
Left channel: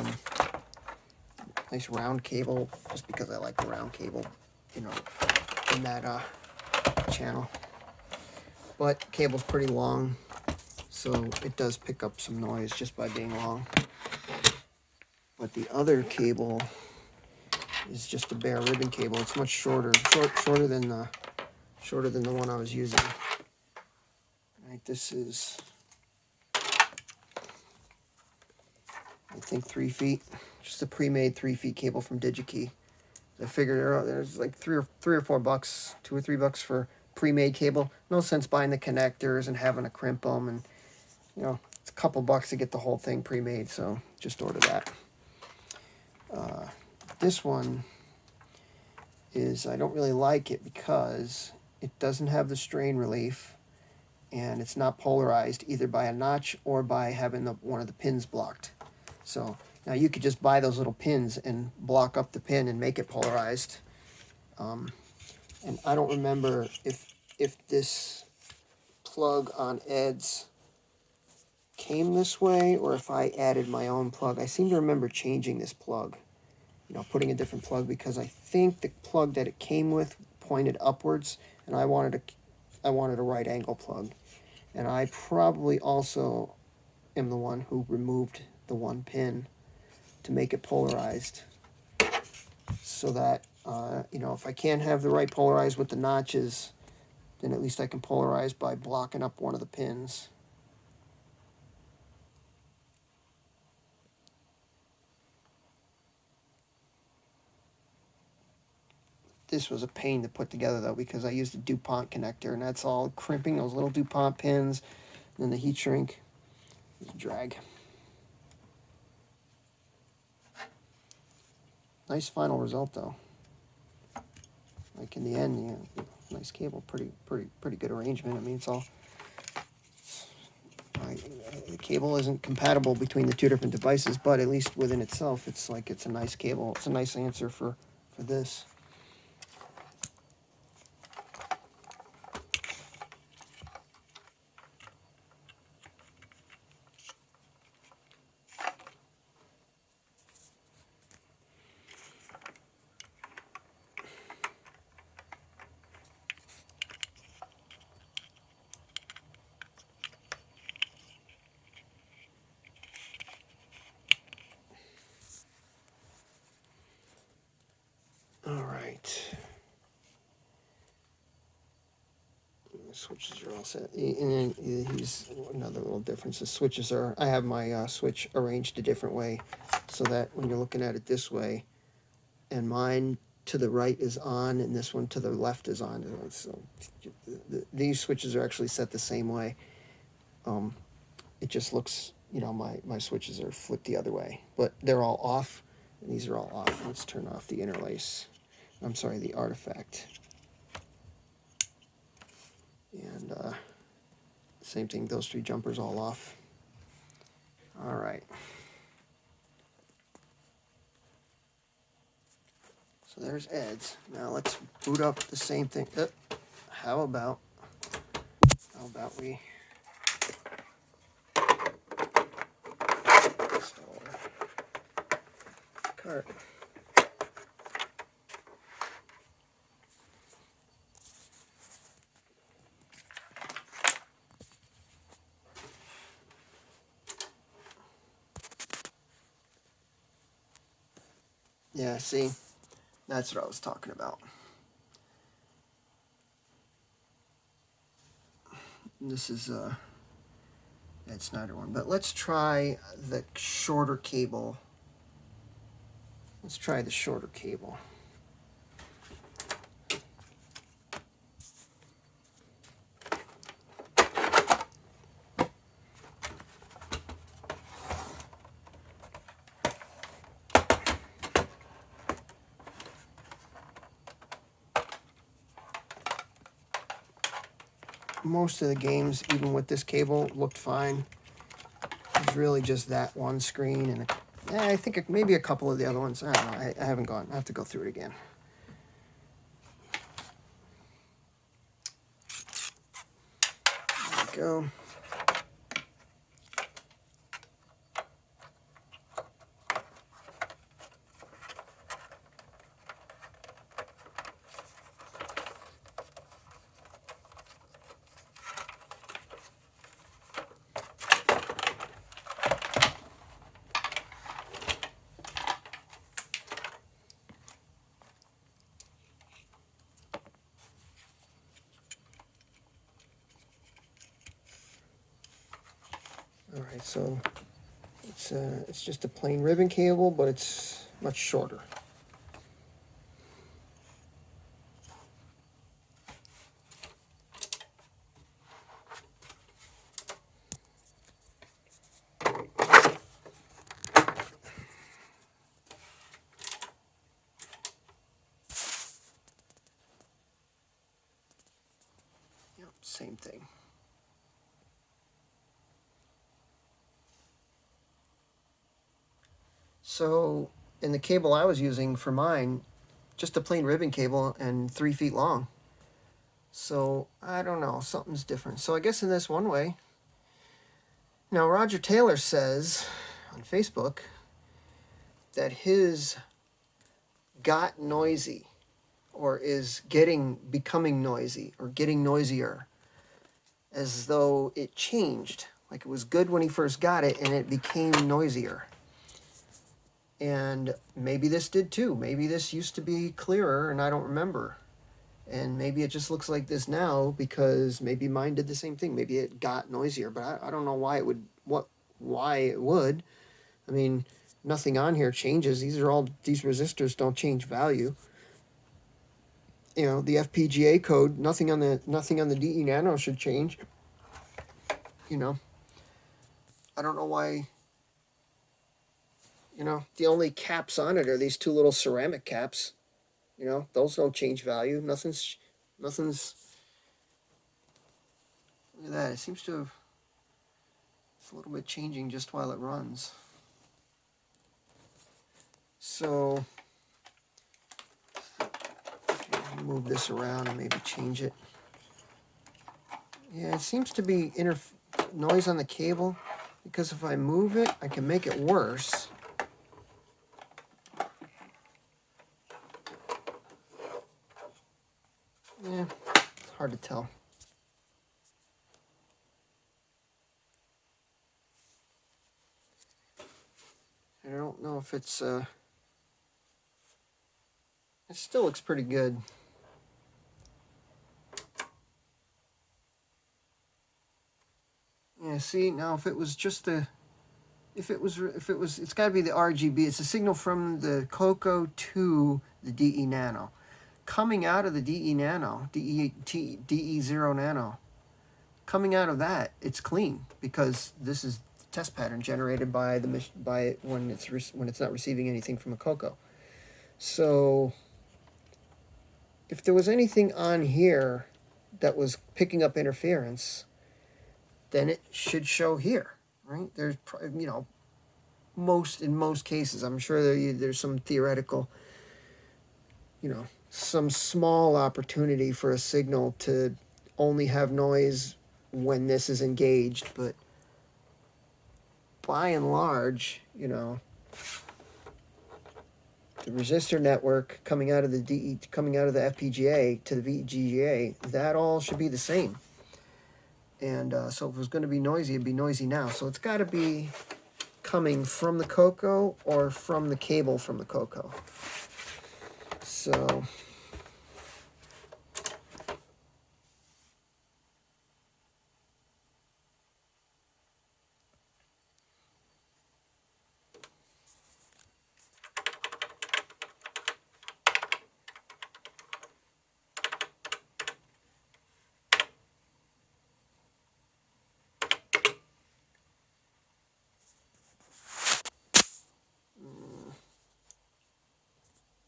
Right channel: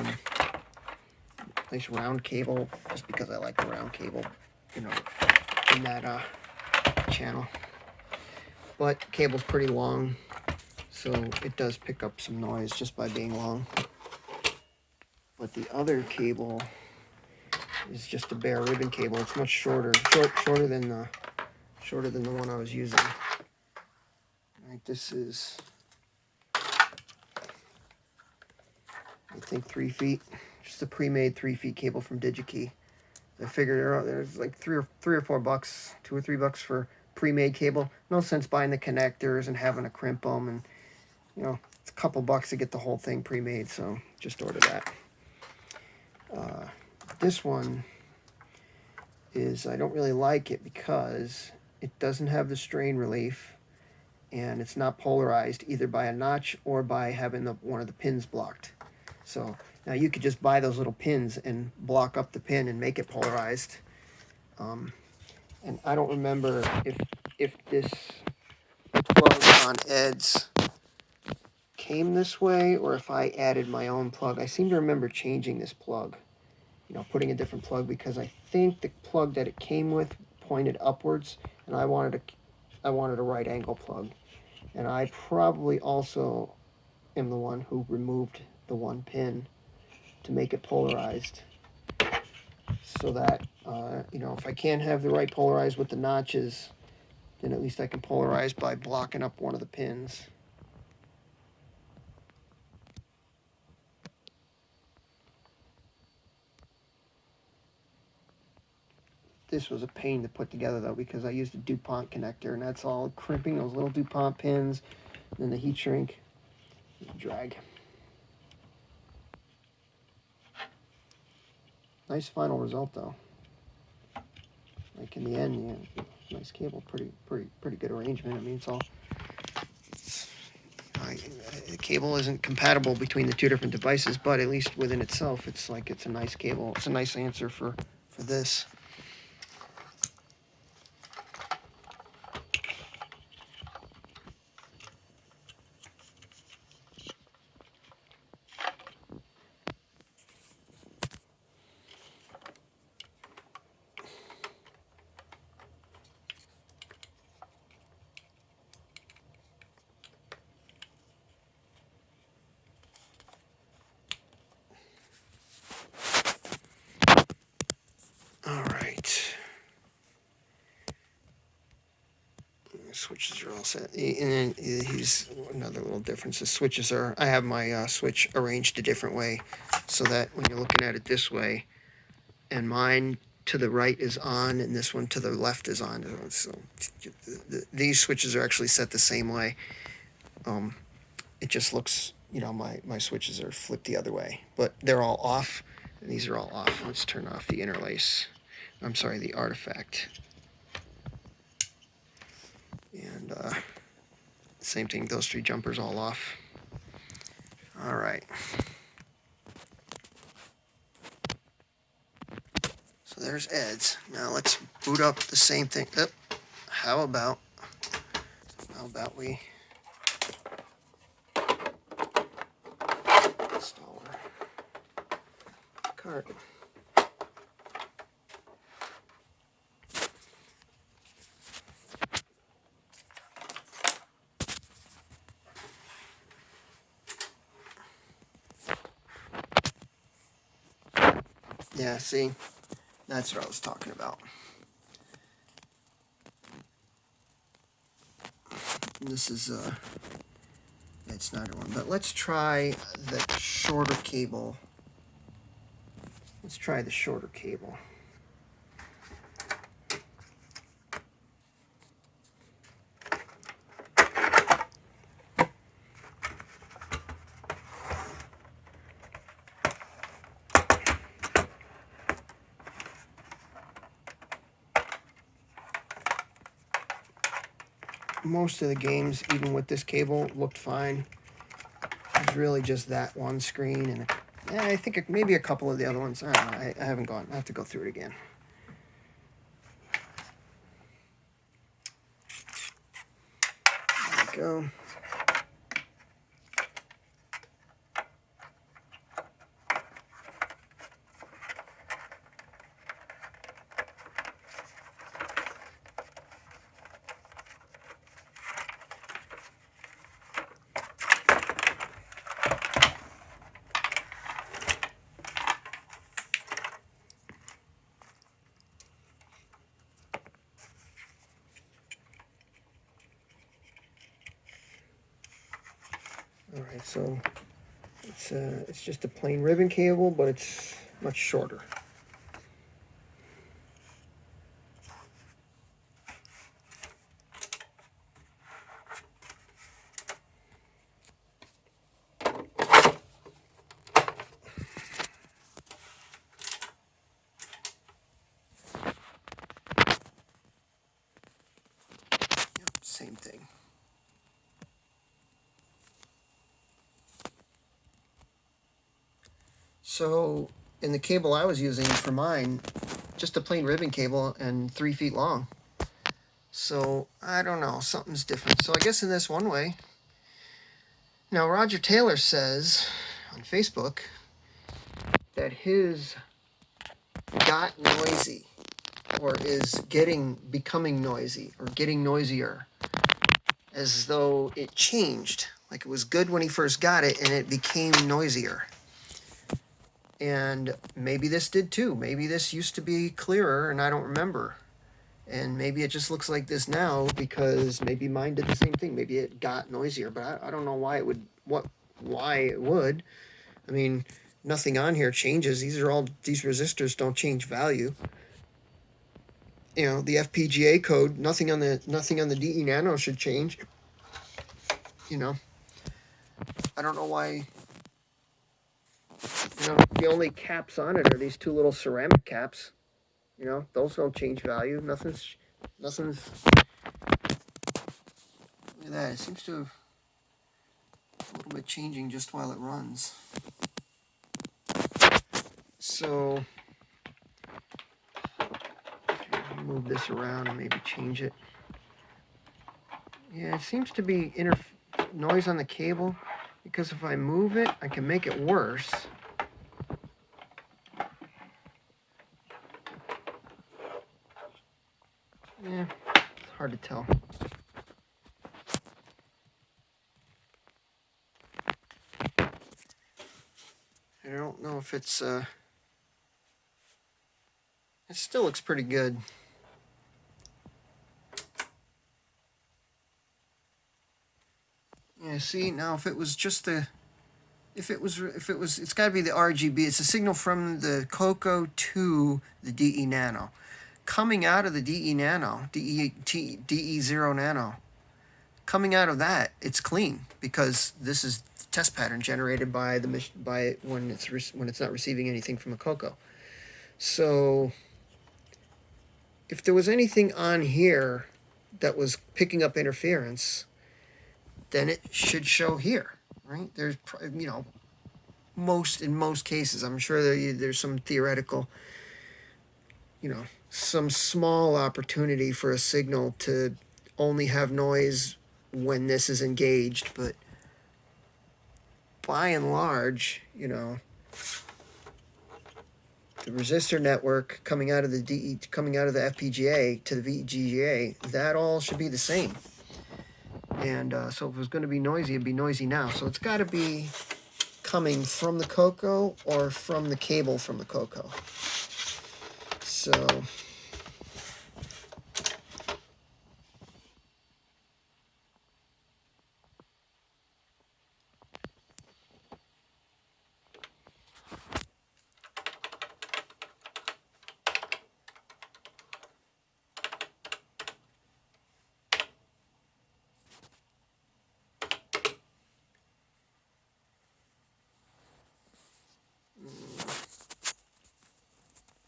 nice round cable, just because I like the round cable, you know, in that channel. But cable's pretty long, so it does pick up some noise just by being long. But the other cable is just a bare ribbon cable. It's much shorter than the one I was using. Right, this is, I think, 3 feet. Just a pre-made 3 feet cable from DigiKey. I figured there's like three or $4, $2 or $3 for pre-made cable. No sense buying the connectors and having to crimp them, and you know, it's a couple bucks to get the whole thing pre-made, so just order that. This one is, I don't really like it because it doesn't have the strain relief, and it's not polarized either by a notch or by having one of the pins blocked. So now you could just buy those little pins and block up the pin and make it polarized. And I don't remember if this plug on Ed's came this way or if I added my own plug. I seem to remember changing this plug, you know, putting a different plug, because I think the plug that it came with pointed upwards, and I wanted a right angle plug. And I probably also am the one who removed the one pin to make it polarized, so that you know, if I can't have the right polarized with the notches, then at least I can polarize by blocking up one of the pins. This was a pain to put together, though, because I used a DuPont connector, and that's all crimping those little DuPont pins, and then the heat shrink, drag. Nice final result, though. Like in the end, yeah, nice cable, pretty good arrangement. I mean, it's all. The cable isn't compatible between the two different devices, but at least within itself, it's a nice cable. It's a nice answer for this. All right. Switches are all set. And then here's another little difference. The switches are, I have my switch arranged a different way, so that when you're looking at it this way, and mine to the right is on, and this one to the left is on. So these switches are actually set the same way. It just looks, you know, my switches are flipped the other way, but they're all off, and these are all off. Let's turn off the interlace. I'm sorry, the artifact. And same thing, those 3 jumpers all off. All right. So there's Ed's. Now let's boot up the same thing. How about we install our cart. Yeah, see, that's what I was talking about. This is Ed Snyder one, but let's try the shorter cable. Let's try the shorter cable. most of the games, even with this cable, looked fine. It's really just that one screen, and yeah, I think maybe a couple of the other ones. I don't know. I haven't gone. I have to go through it again. There we go. All right, so it's just a plain ribbon cable, but it's much shorter. Yep, same thing. So in the cable I was using for mine, just a plain ribbon cable and 3 feet long. So I don't know, something's different. So I guess in this one way. Now Roger Taylor says on Facebook that his got noisy, or is becoming noisy, or getting noisier, as though it changed. Like it was good when he first got it and it became noisier. And maybe this did too. Maybe this used to be clearer and I don't remember. And maybe it just looks like this now because maybe mine did the same thing. Maybe it got noisier, but I don't know why it would, why it would. I mean, nothing on here changes. These resistors don't change value. You know, the FPGA code, nothing on the de-nano should change. You know, I don't know why. You know, the only caps on it are these two little ceramic caps. You know, those don't change value. Nothing's. Look at that. It seems to have a little bit changing just while it runs. So, move this around and maybe change it. Yeah, it seems to be noise on the cable, because if I move it, I can make it worse. Yeah, hard to tell. I don't know if it's, it still looks pretty good. Yeah, see, now if it was just it's got to be the RGB. It's a signal from the Coco to the de-nano. Coming out of the de-nano, de0-nano, coming out of that, it's clean because this is the test pattern generated by when it's not receiving anything from a Coco. So if there was anything on here that was picking up interference, then it should show here, right? There's, you know, in most cases, I'm sure there's some theoretical, you know, some small opportunity for a signal to only have noise when this is engaged, but by and large, you know, the resistor network coming out of the FPGA to the VGA, that all should be the same. And so if it was going to be noisy, it'd be noisy now. So it's got to be coming from the Coco or from the cable from the Coco. So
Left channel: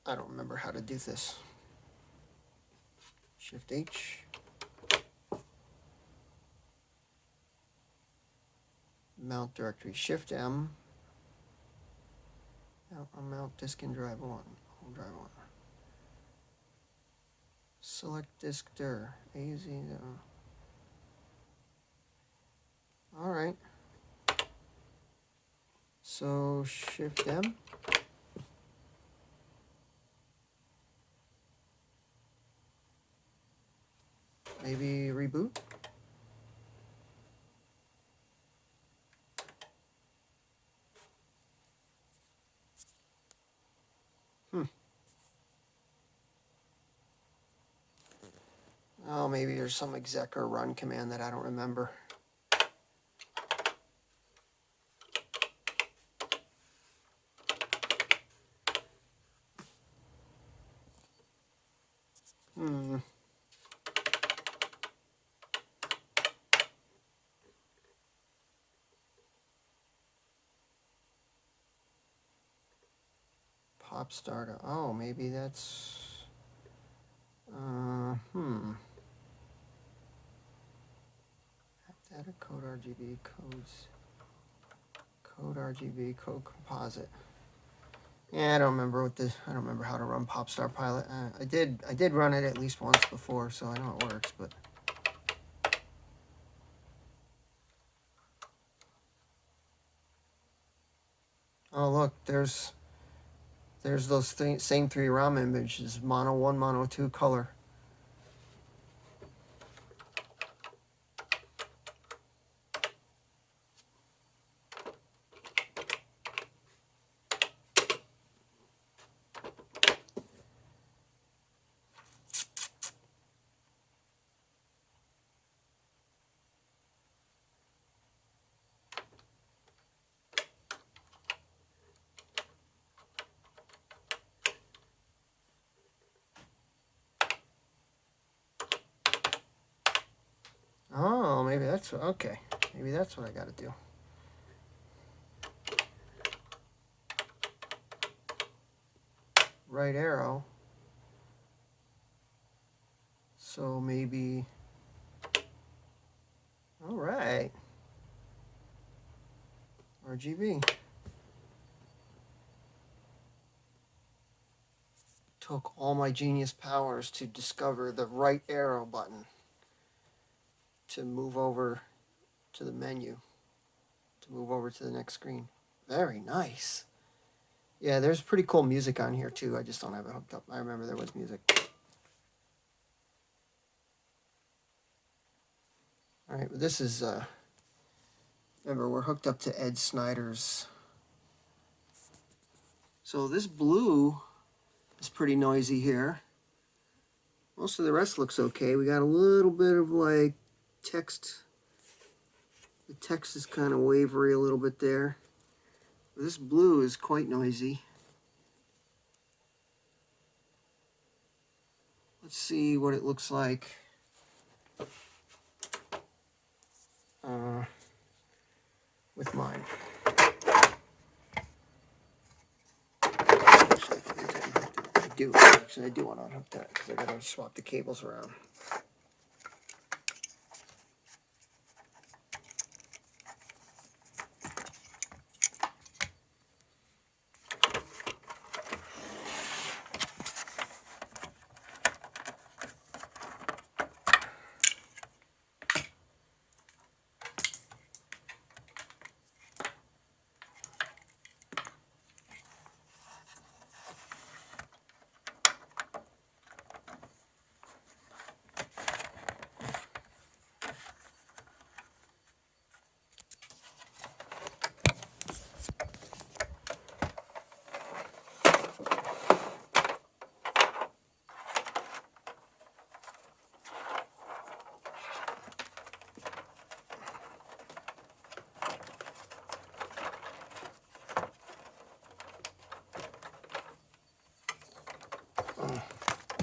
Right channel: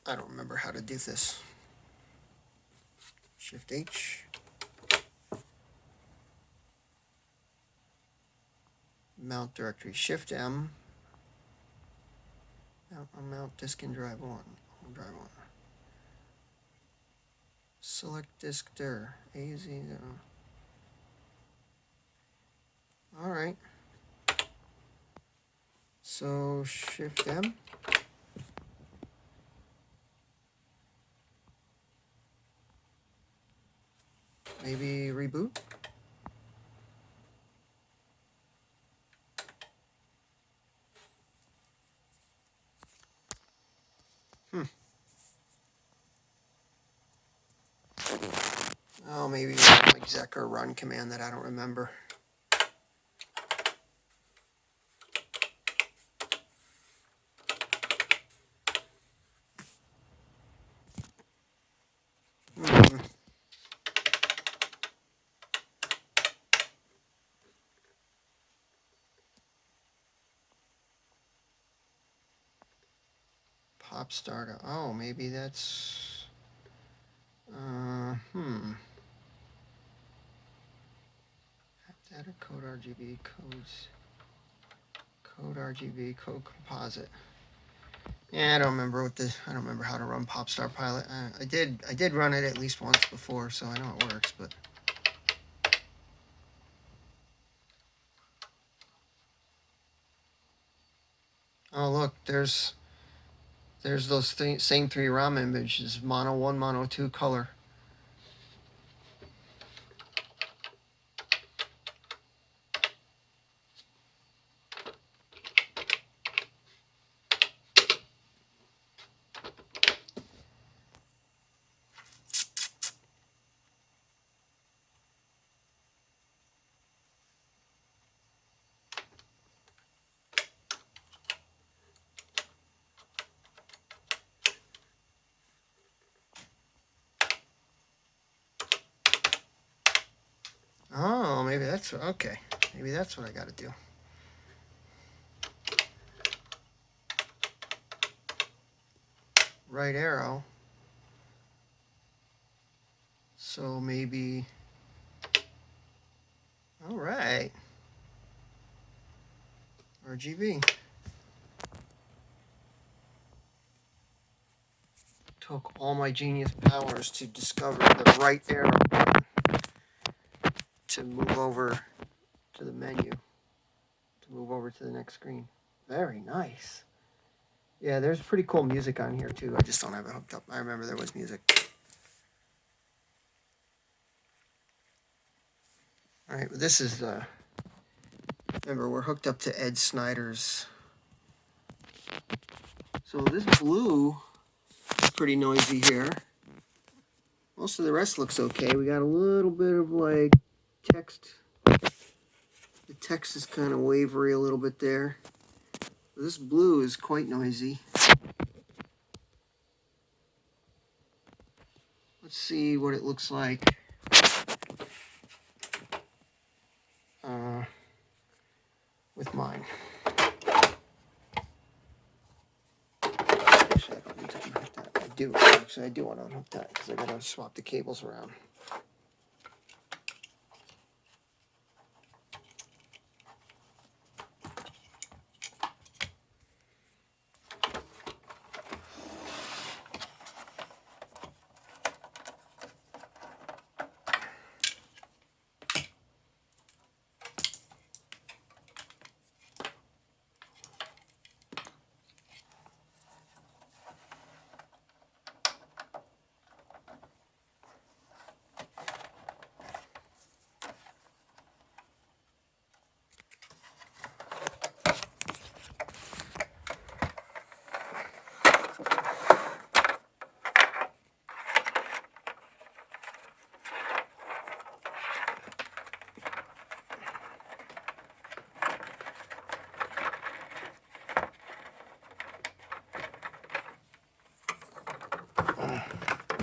I don't remember how to do this. Shift H. mount directory, Shift M. I'll mount disk and drive on. Drive on. Select disk dir. AZ. All right. So Shift M. Maybe reboot. Oh, maybe there's some exec or run command that I don't remember. Pop starter. Oh, maybe that's. Data code RGB codes. Code RGB code composite. Yeah, I don't remember how to run Popstar Pilot. I did run it at least once before, so I know it works, but. Oh, look, there's those same three ROM images, mono 1, mono 2 color. Oh, maybe that's okay. Maybe that's what I got to do. Right arrow. So maybe. All right. RGB. Took all my genius powers to discover the right arrow button to move over to the menu, to move over to the next screen. Very nice. Yeah, there's pretty cool music on here too. I just don't have it hooked up. I remember there was music. All right, this is, remember we're hooked up to Ed Snyder's. So this blue is pretty noisy here. Most of the rest looks okay. We got a little bit of like text. The text is kind of wavery a little bit there. But this blue is quite noisy. Let's see what it looks like with mine. I do want to unhook that because I got to swap the cables around.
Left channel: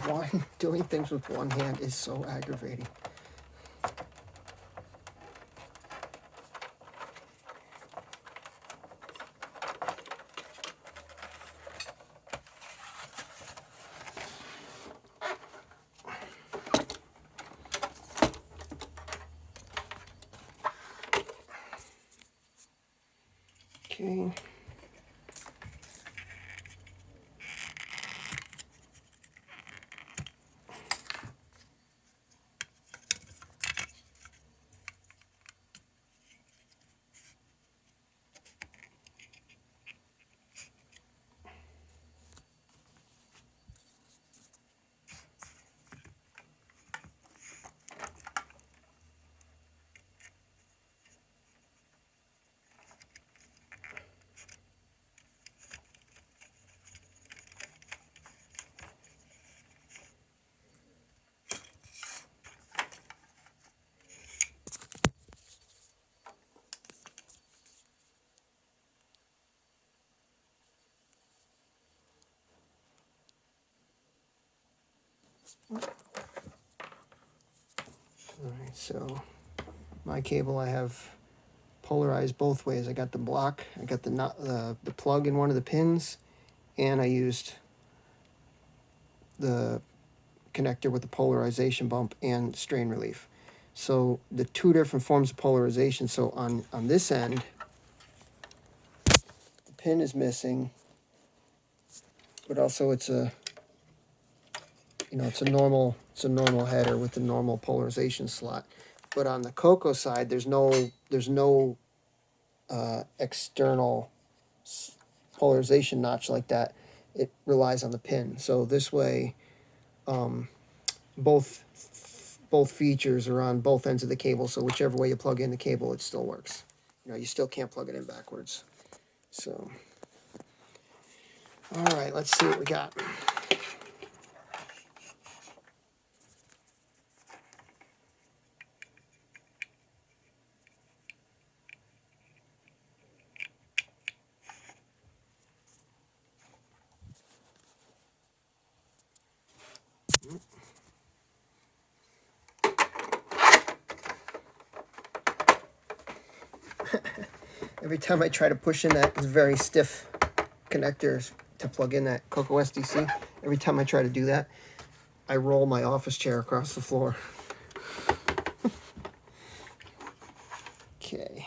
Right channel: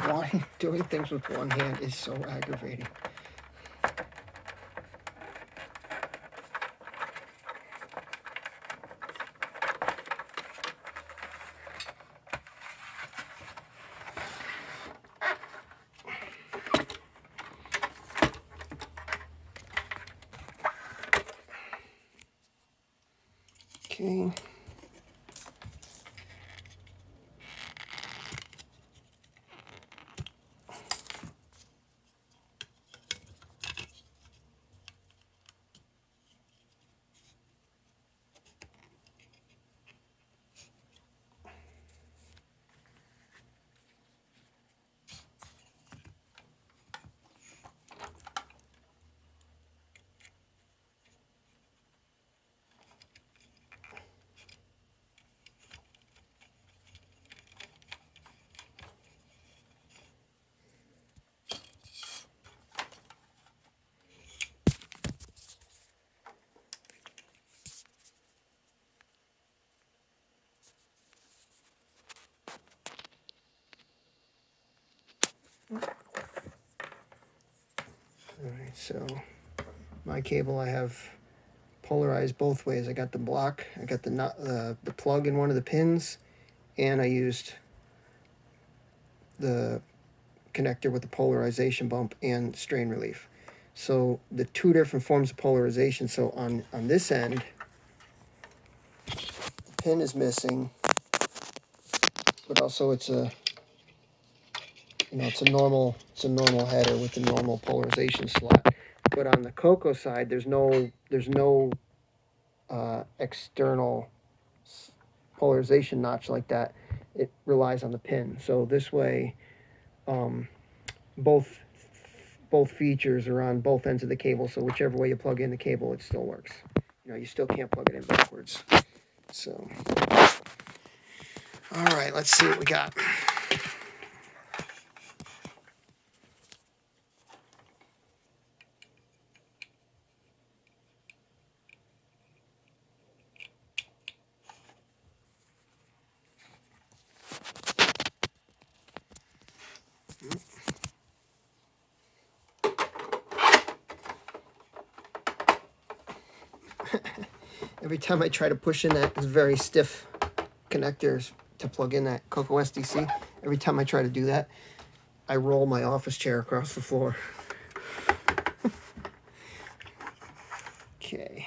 Why doing things with one hand is so aggravating. Okay. All right, so my cable I have polarized both ways. I got the block, I got the plug in one of the pins, and I used the connector with the polarization bump and strain relief. So the two different forms of polarization. So on this end, the pin is missing, but also it's a it's a normal header with a normal polarization slot. But on the Coco side, there's no external polarization notch like that. It relies on the pin. So this way, both features are on both ends of the cable. So whichever way you plug in the cable, it still works. You still can't plug it in backwards. So, all right, let's see what we got. Every time I try to push in that very stiff connectors to plug in that Coco SDC, every time I try to do that, I roll my office chair across the floor. Okay.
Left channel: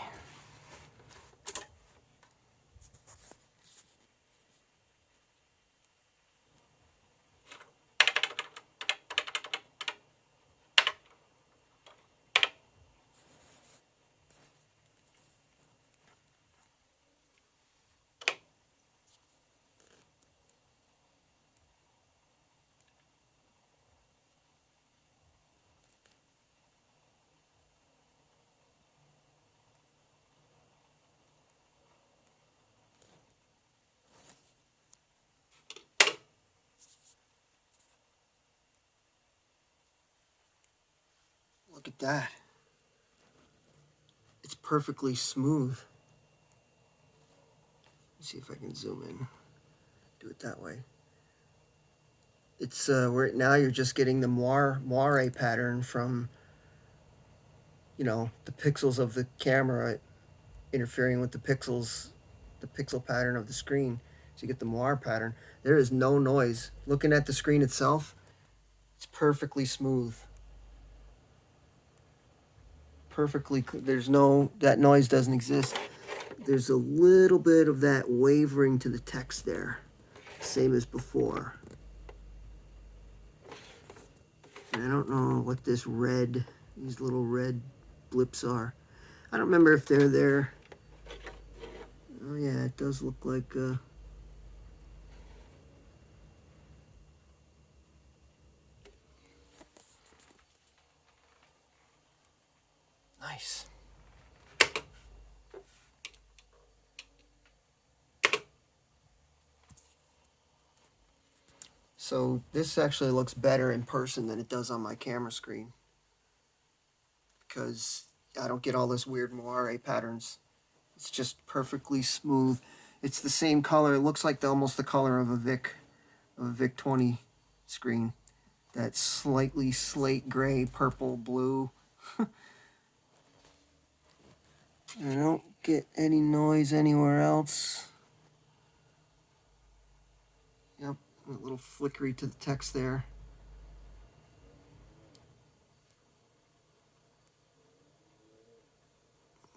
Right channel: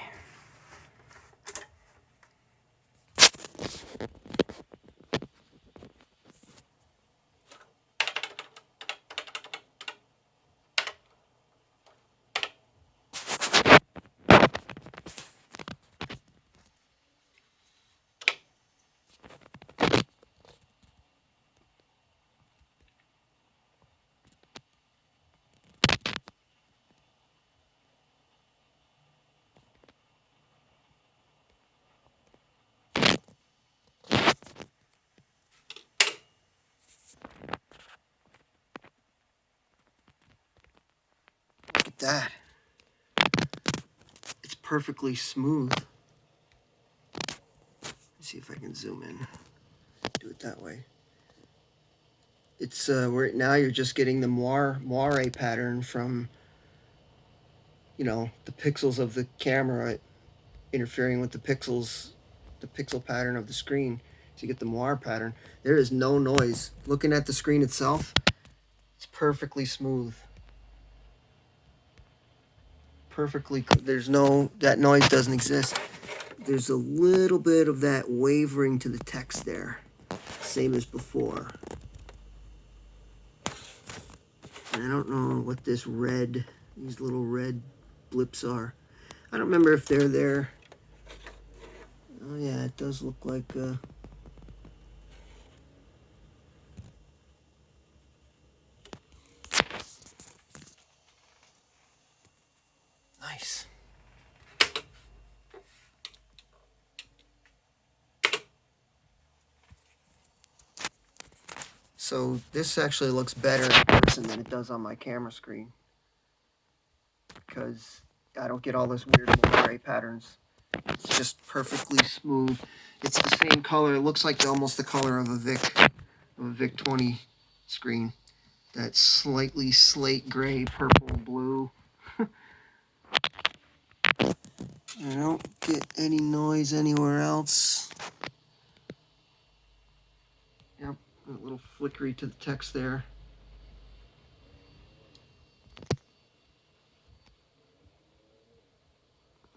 Look at that. It's perfectly smooth. Let's see if I can zoom in. Do it that way. It's where now you're just getting the moire pattern from the pixels of the camera interfering with the pixel pattern of the screen. So you get the moire pattern. There is no noise. Looking at the screen itself, it's perfectly smooth. That noise doesn't exist. There's a little bit of that wavering to the text there, same as before. And I don't know what these little red blips are. I don't remember if they're there. Oh yeah, it does look like nice. So this actually looks better in person than it does on my camera screen, because I don't get all this weird moire patterns. It's just perfectly smooth. It's the same color. It looks like almost the color of a VIC 20 screen. That slightly slate gray, purple, blue. I don't get any noise anywhere else. Yep, a little flickery to the text there.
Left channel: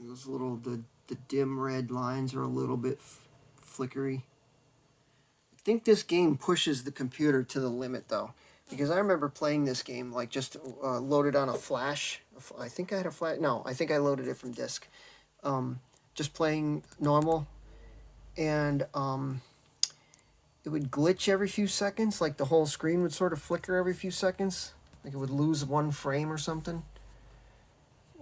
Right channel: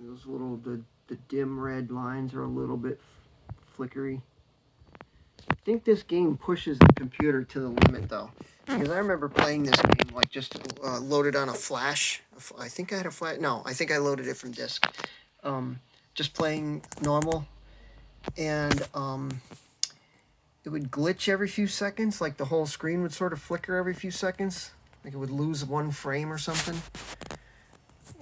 A those little, the dim red lines are a little bit flickery. I think this game pushes the computer to the limit though, because I remember playing this game like just loaded on a flash. I think I had a flash. No, I think I loaded it from disk. Just playing normal, and it would glitch every few seconds. Like the whole screen would sort of flicker every few seconds. Like it would lose one frame or something.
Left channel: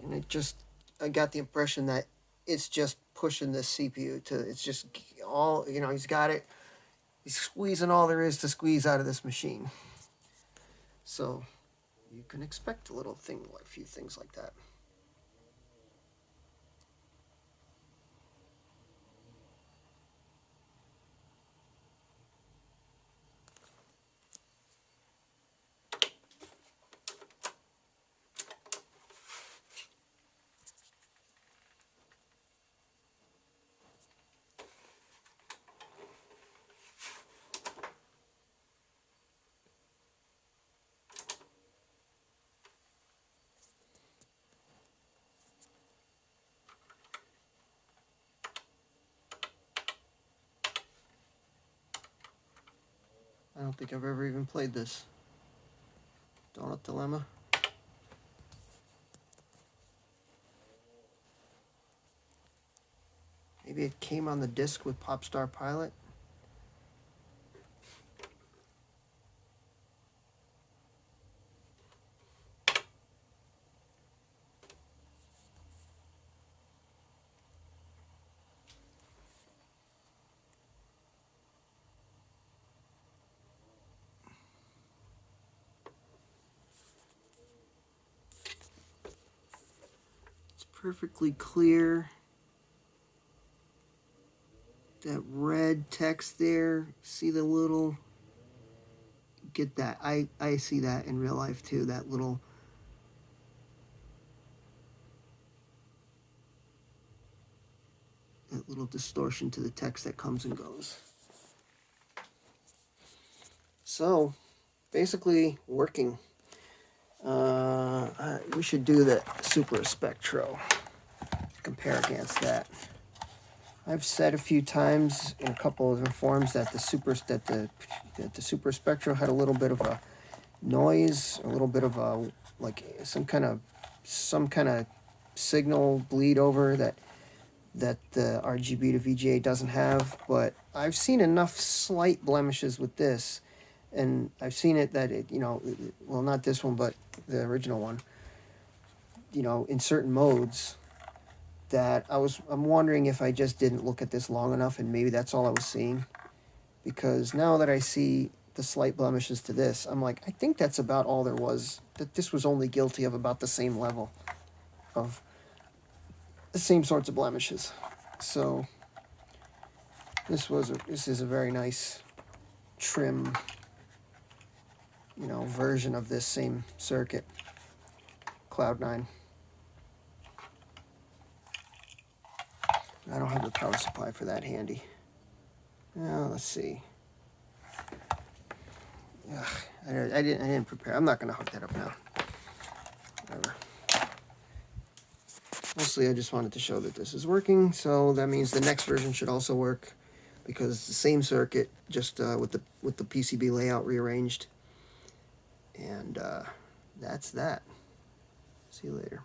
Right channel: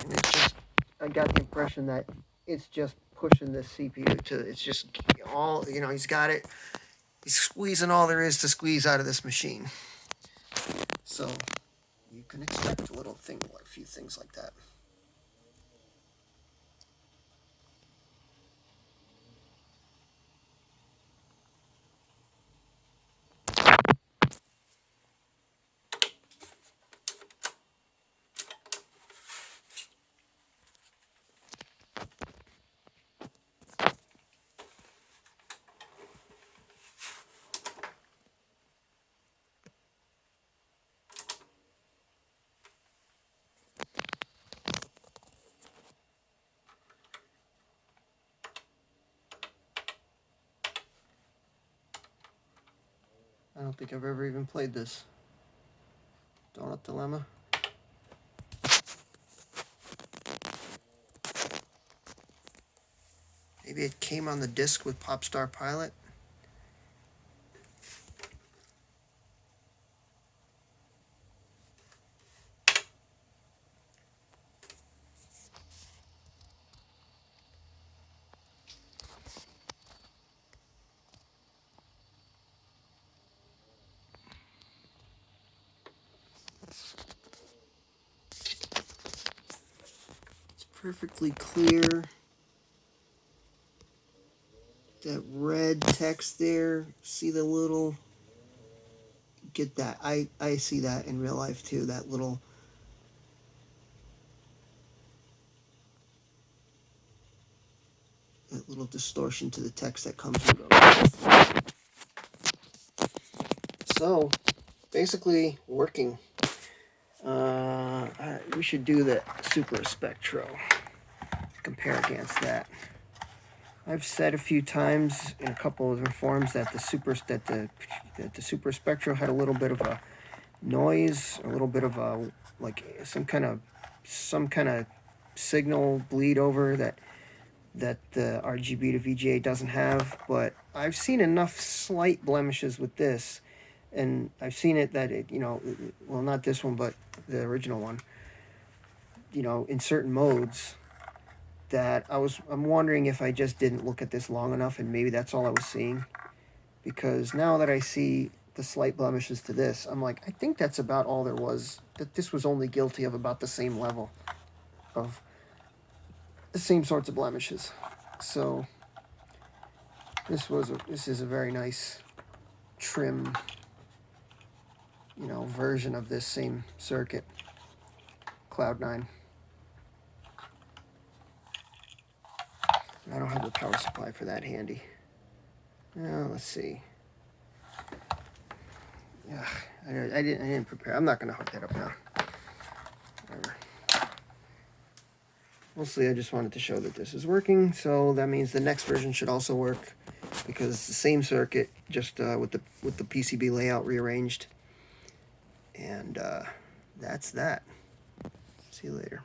And it just, I got the impression that it's just pushing this CPU to, it's just all, you know, he's got it. He's squeezing all there is to squeeze out of this machine. So you can expect a little thing, a few things like that. I don't think I've ever even played this. Donut Dilemma. Maybe it came on the disc with Popstar Pilot. It's perfectly clear. That red text there, see the little, get that, I see that in real life too, that little, distortion to the text that comes and goes. So, basically working. We should do the Super Spectro, compare against that. I've said a few times in a couple of the forums that the Super Spectro had a little bit of a noise, a little bit of a, like some kind of signal bleed over that the rgb2vga doesn't have. But I've seen enough slight blemishes with this, and I've seen it that it, you know, well, not this one, but the original one, you know, in certain modes, that I'm wondering if I just didn't look at this long enough, and maybe that's all I was seeing. Because now that I see the slight blemishes to this, I'm like, I think that's about all there was. That this was only guilty of about the same level of the same sorts of blemishes. So this is a very nice trim, you know, version of this same circuit, Cloud9. I don't have the power supply for that handy. Now let's see. Ugh, I didn't prepare. I'm not going to hook that up now. Whatever. Mostly I just wanted to show that this is working, so that means the next version should also work, because it's the same circuit, just with the PCB layout rearranged. And that's that. See you later.